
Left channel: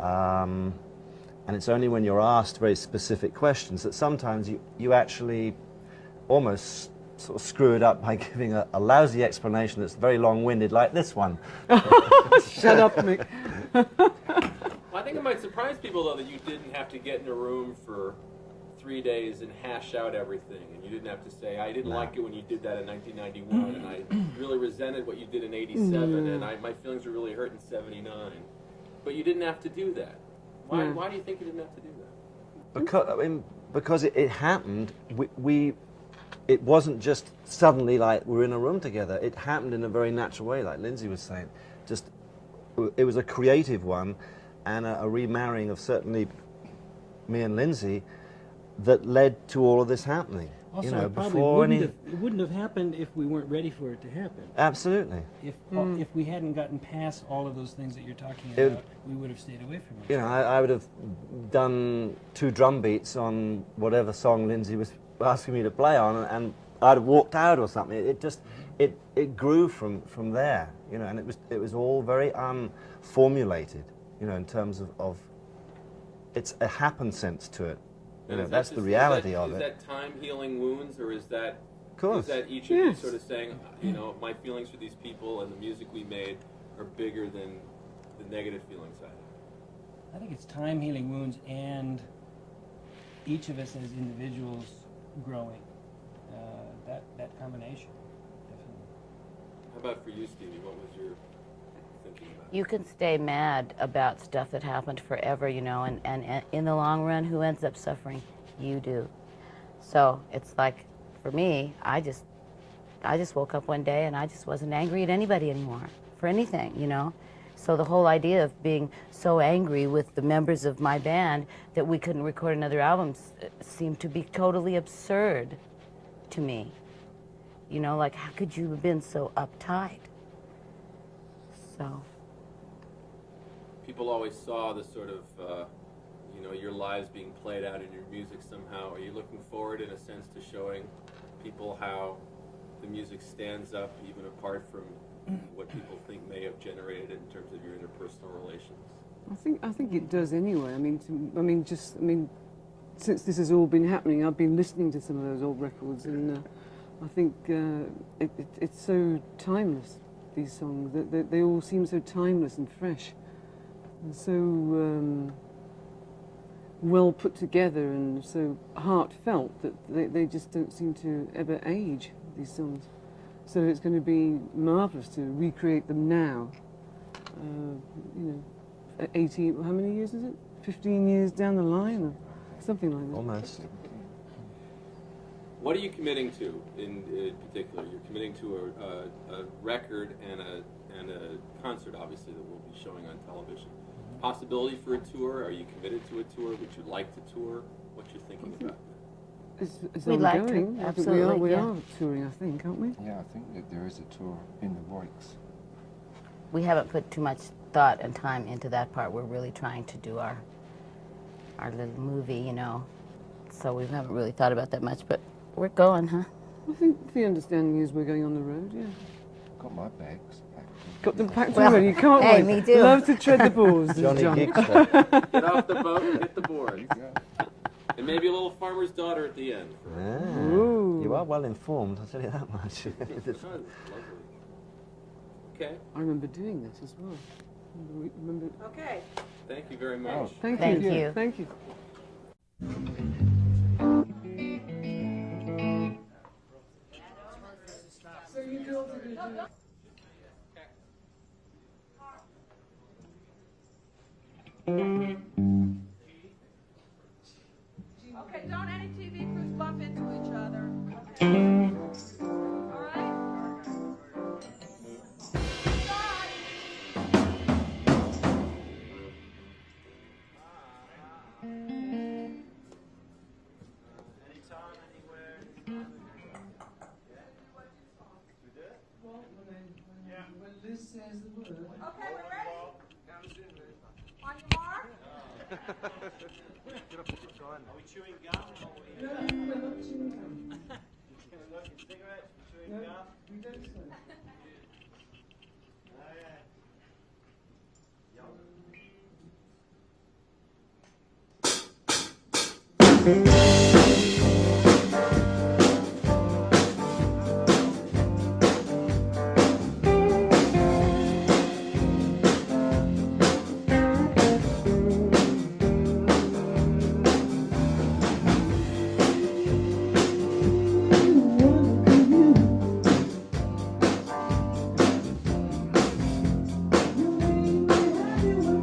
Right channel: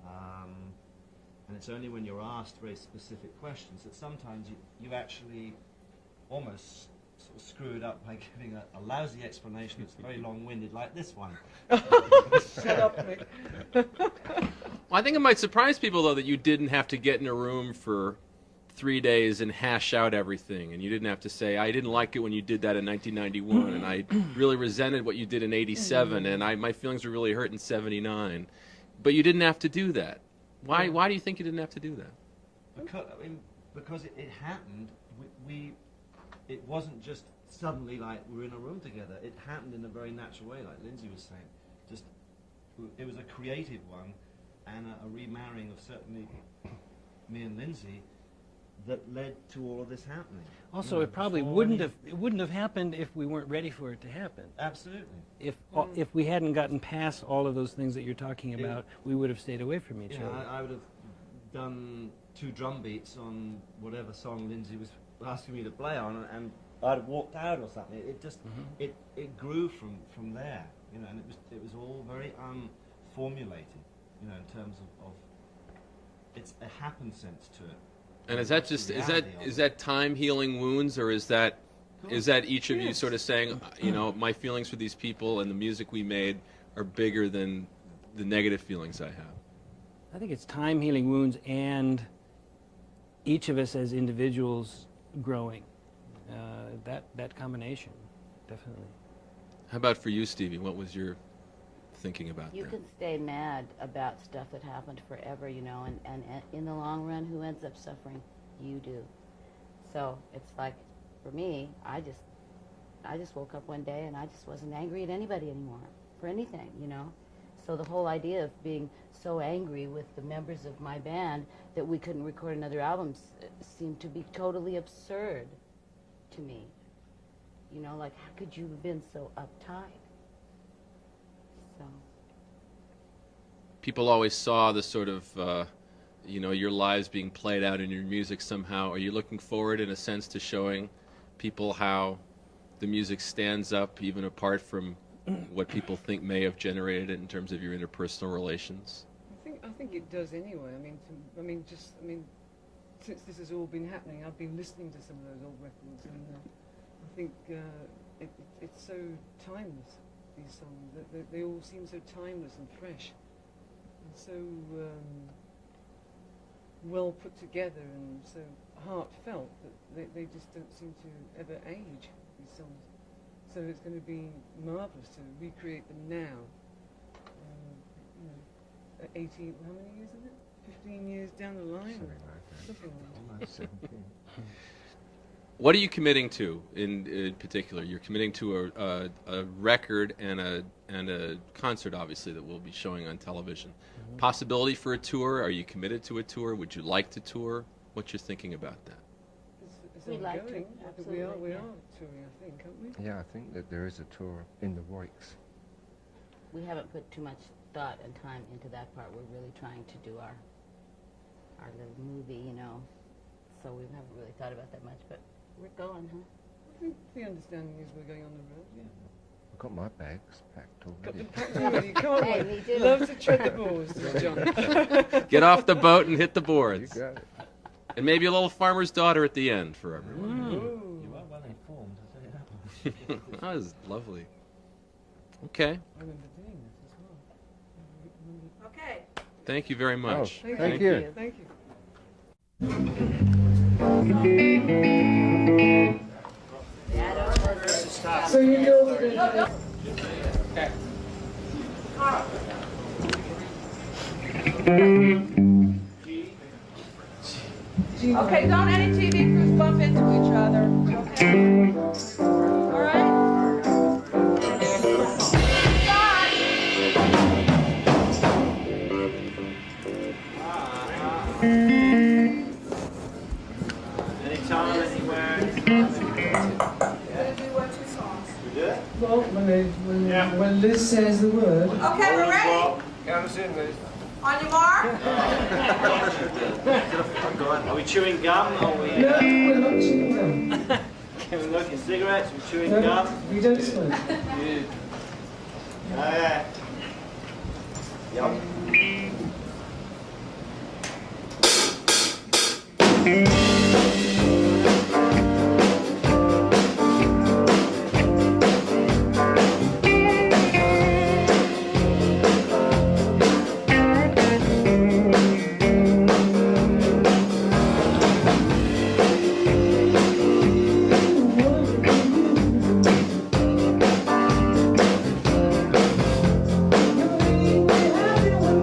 And it's only when you're asked very specific questions that sometimes you actually almost sort of screw it up by giving a lousy explanation that's very long-winded, like this one. Shut up, Mick. Well, I think it might surprise people, though, that you didn't have to get in a room for 3 days and hash out everything, and you didn't have to say, I didn't like it when you did that in 1991, and I really resented what you did in 87, and my feelings were really hurt in 79. But you didn't have to do that. Why do you think you didn't have to do that? Because it happened. It wasn't just suddenly like we're in a room together. It happened in a very natural way, like Lindsay was saying. It was a creative one, and a remarrying of certainly me and Lindsay that led to all of this happening. Also, you know, it probably wouldn't have happened if we weren't ready for it to happen. Absolutely. If we hadn't gotten past all of those things that you're talking about, we would have stayed away from each other. I would have done 2 drum beats on whatever song Lindsay was asking me to play on, and I'd have walked out or something. It just it grew from there, you know, and it was all very unformulated, you know, in terms of it's a happen sense to it. And is that is that time healing wounds, or is that each of you sort of saying, you know, my feelings for these people and the music we made are bigger than the negative feelings I have? I think it's time healing wounds, and each of us as individuals growing. That combination, definitely. How about for you, Stevie? What was your thinking about You that? can stay mad about stuff that happened forever, you know, and in the long run, who ends up suffering? You do. So it's like, for me, I just woke up one day and I just wasn't angry at anybody anymore for anything, you know. So the whole idea of being so angry with the members of my band that we couldn't record another album seemed to be totally absurd to me. You know, like, how could you have been so uptight? So. People always saw the sort of, you know, your lives being played out in your music somehow. Are you looking forward, in a sense, to showing people how the music stands up, even apart from what people think may have generated it in terms of your interpersonal relations? I think it does anyway. I mean, since this has all been happening, I've been listening to some of those old records, and I think it's so timeless. These songs, they all seem so timeless and fresh, and so well put together, and so heartfelt that they just don't seem to ever age, these songs. So it's going to be marvelous to recreate them now. You know, 18. How many years is it? 15 years down the line, or something like that. Almost. What are you committing to in particular? You're committing to a record and a concert, obviously, that we'll be showing on television. Possibility for a tour? Are you committed to a tour? Would you like to tour? what you're thinking about that? It's We'd like to, ongoing. absolutely, We yeah. are touring, I think, aren't we? Yeah, I think that there is a tour in the works. We haven't put too much thought and time into that part. We're really trying to do our little movie, you know. So we haven't really thought about that much, but we're going, huh? I think the understanding is we're going on the road, yeah. I've got my bags packed. Got them packed Well, already, you can't hey, wait. me too. Love to tread the balls, Johnny John. Gibson. Get off the boat and hit the boards. Yeah. And maybe a little farmer's daughter at the end for Ooh. You are well informed, I'll tell you that much. That was lovely. Okay. I remember doing that as well. Remember. Okay. Thank you very much. Thank Thank you. you. Thank you. Okay, don't any TV crews bump into each other. Okay. All right. Anytime, anywhere. Gonna do what, 2 songs? Well, when Liz says the word. Okay, we're ready. Count us in, Liz. On your mark. Are we chewing gum? Or are we No, we're not chewing gum. smoking cigarettes? We're chewing No, gum? we don't smoke. Okay. You're making me happy when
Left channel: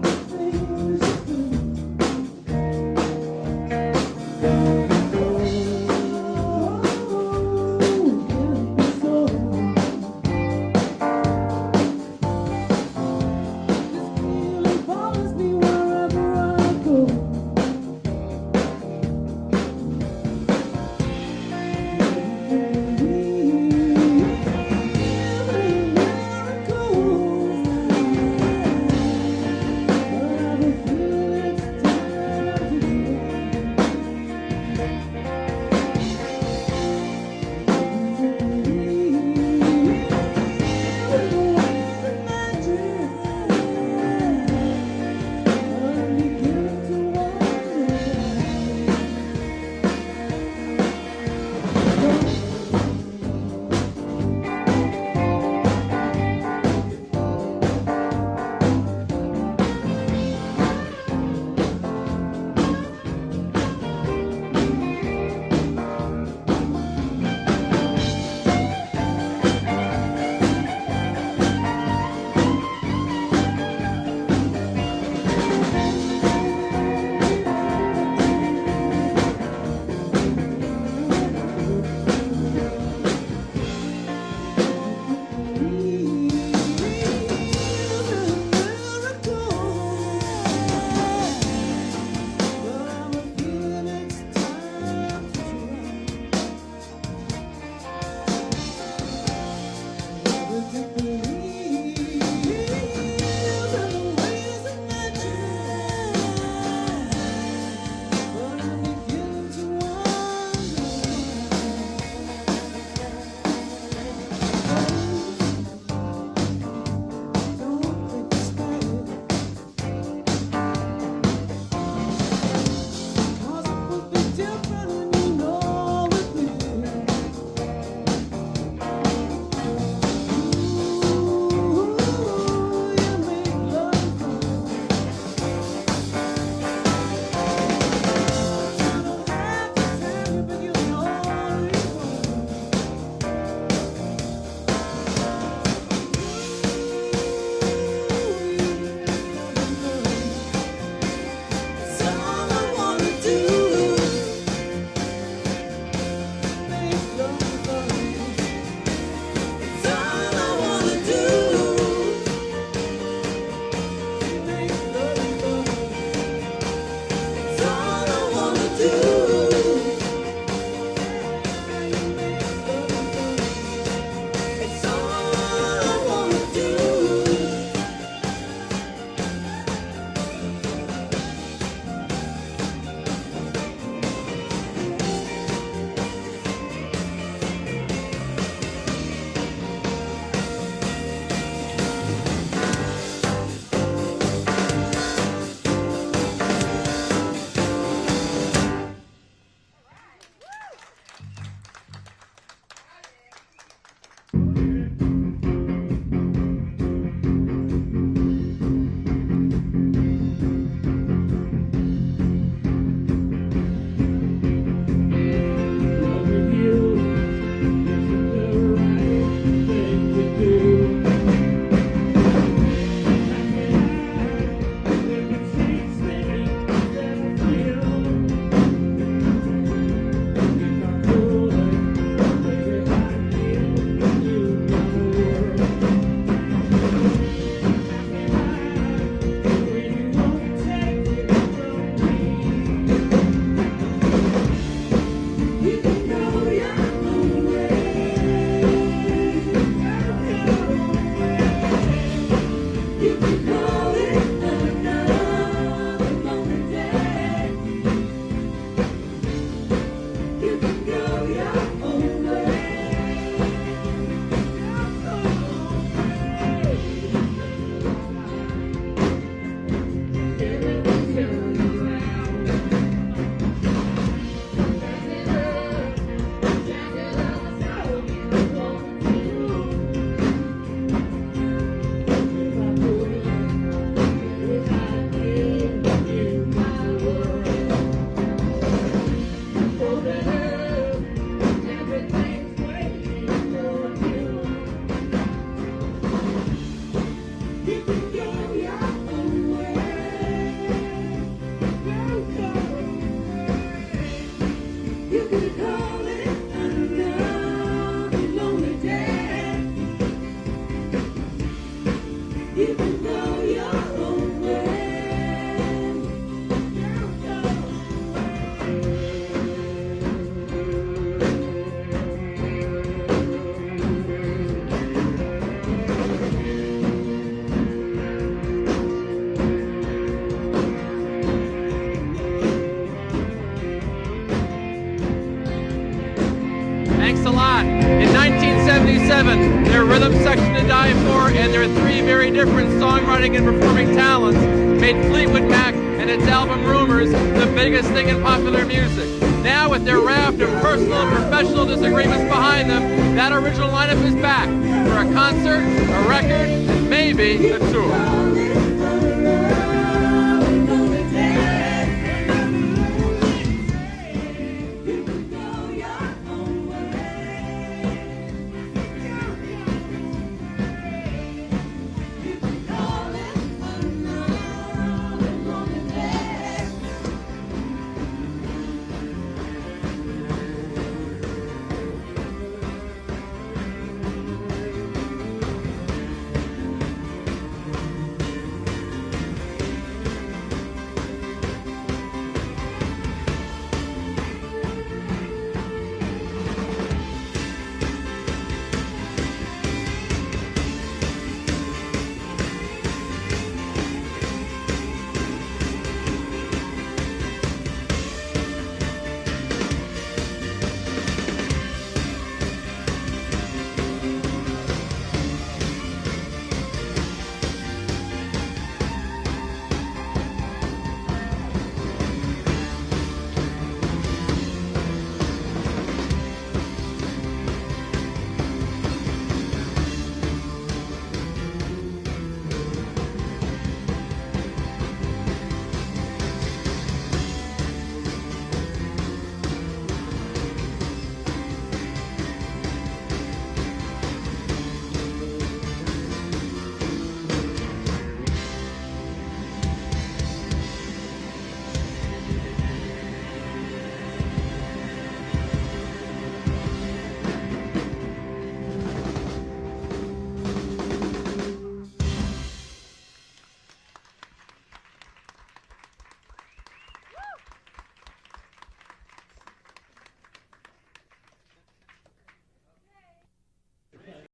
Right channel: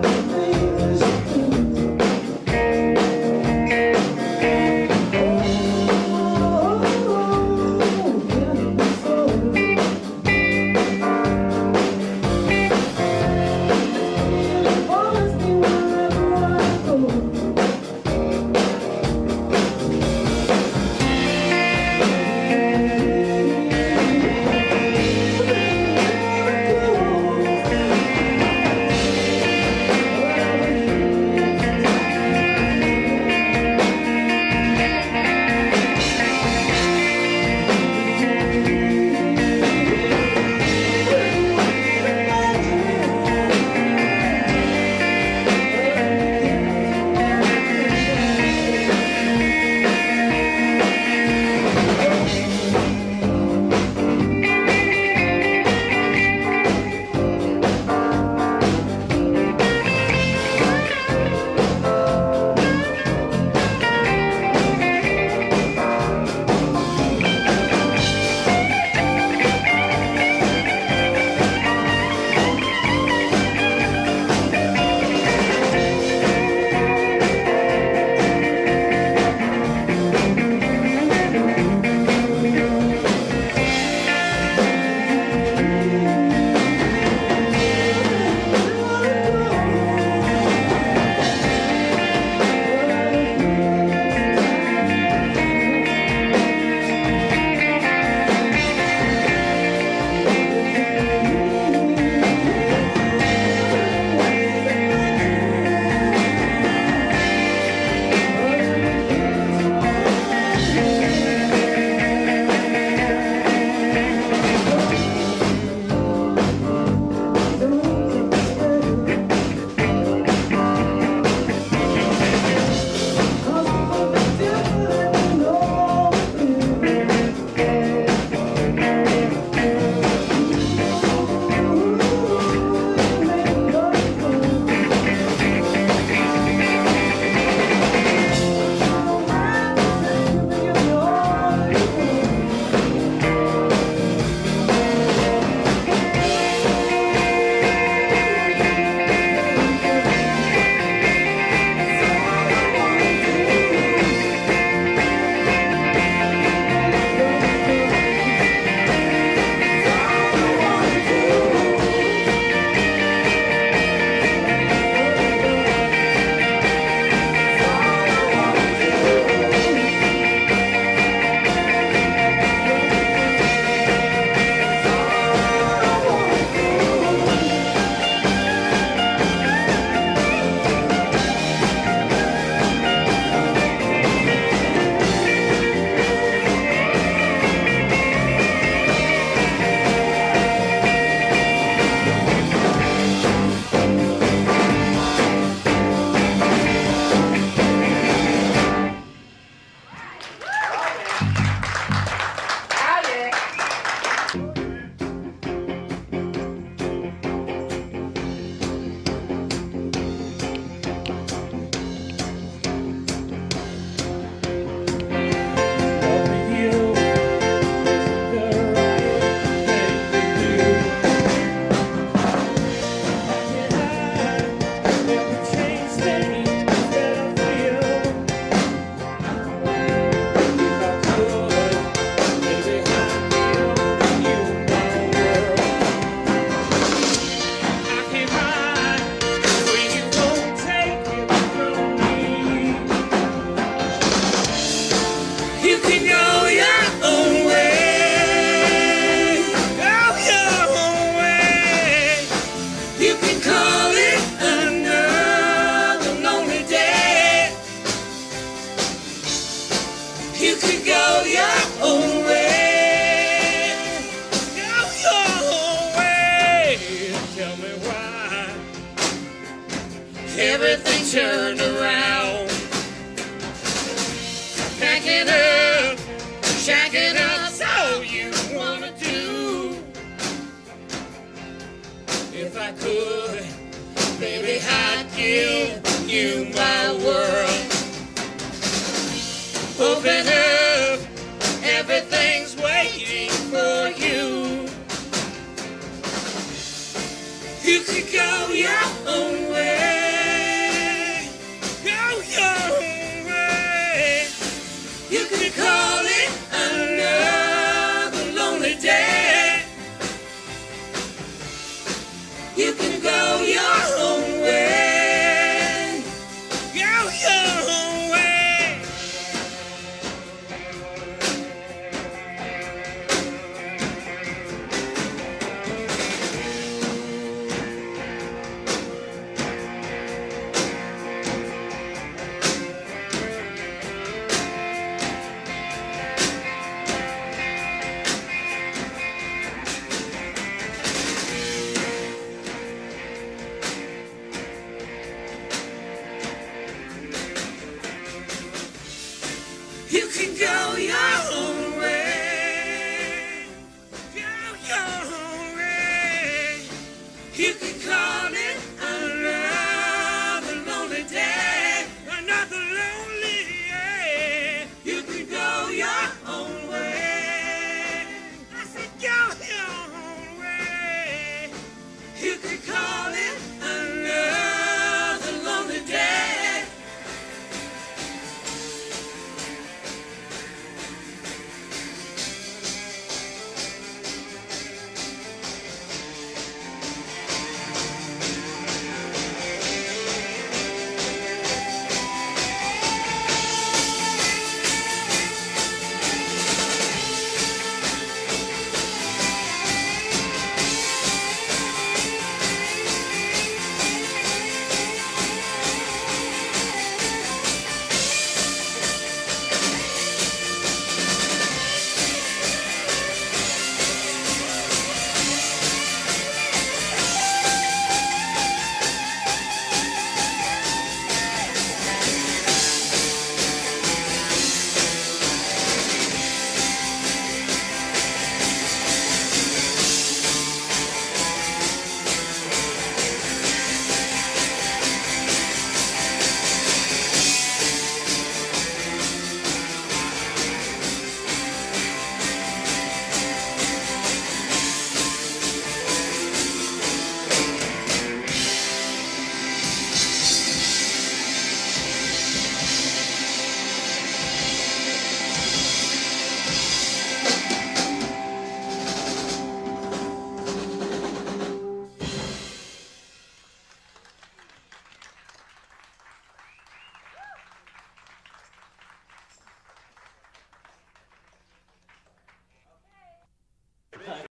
1987, their rhythm section to die for, and their three very different songwriting and performing talents made Fleetwood Mac and its album Rumors the biggest thing in popular music. Now, with their raft of personal and professional disagreements behind them, that original lineup is back for a concert, a record, and maybe a tour.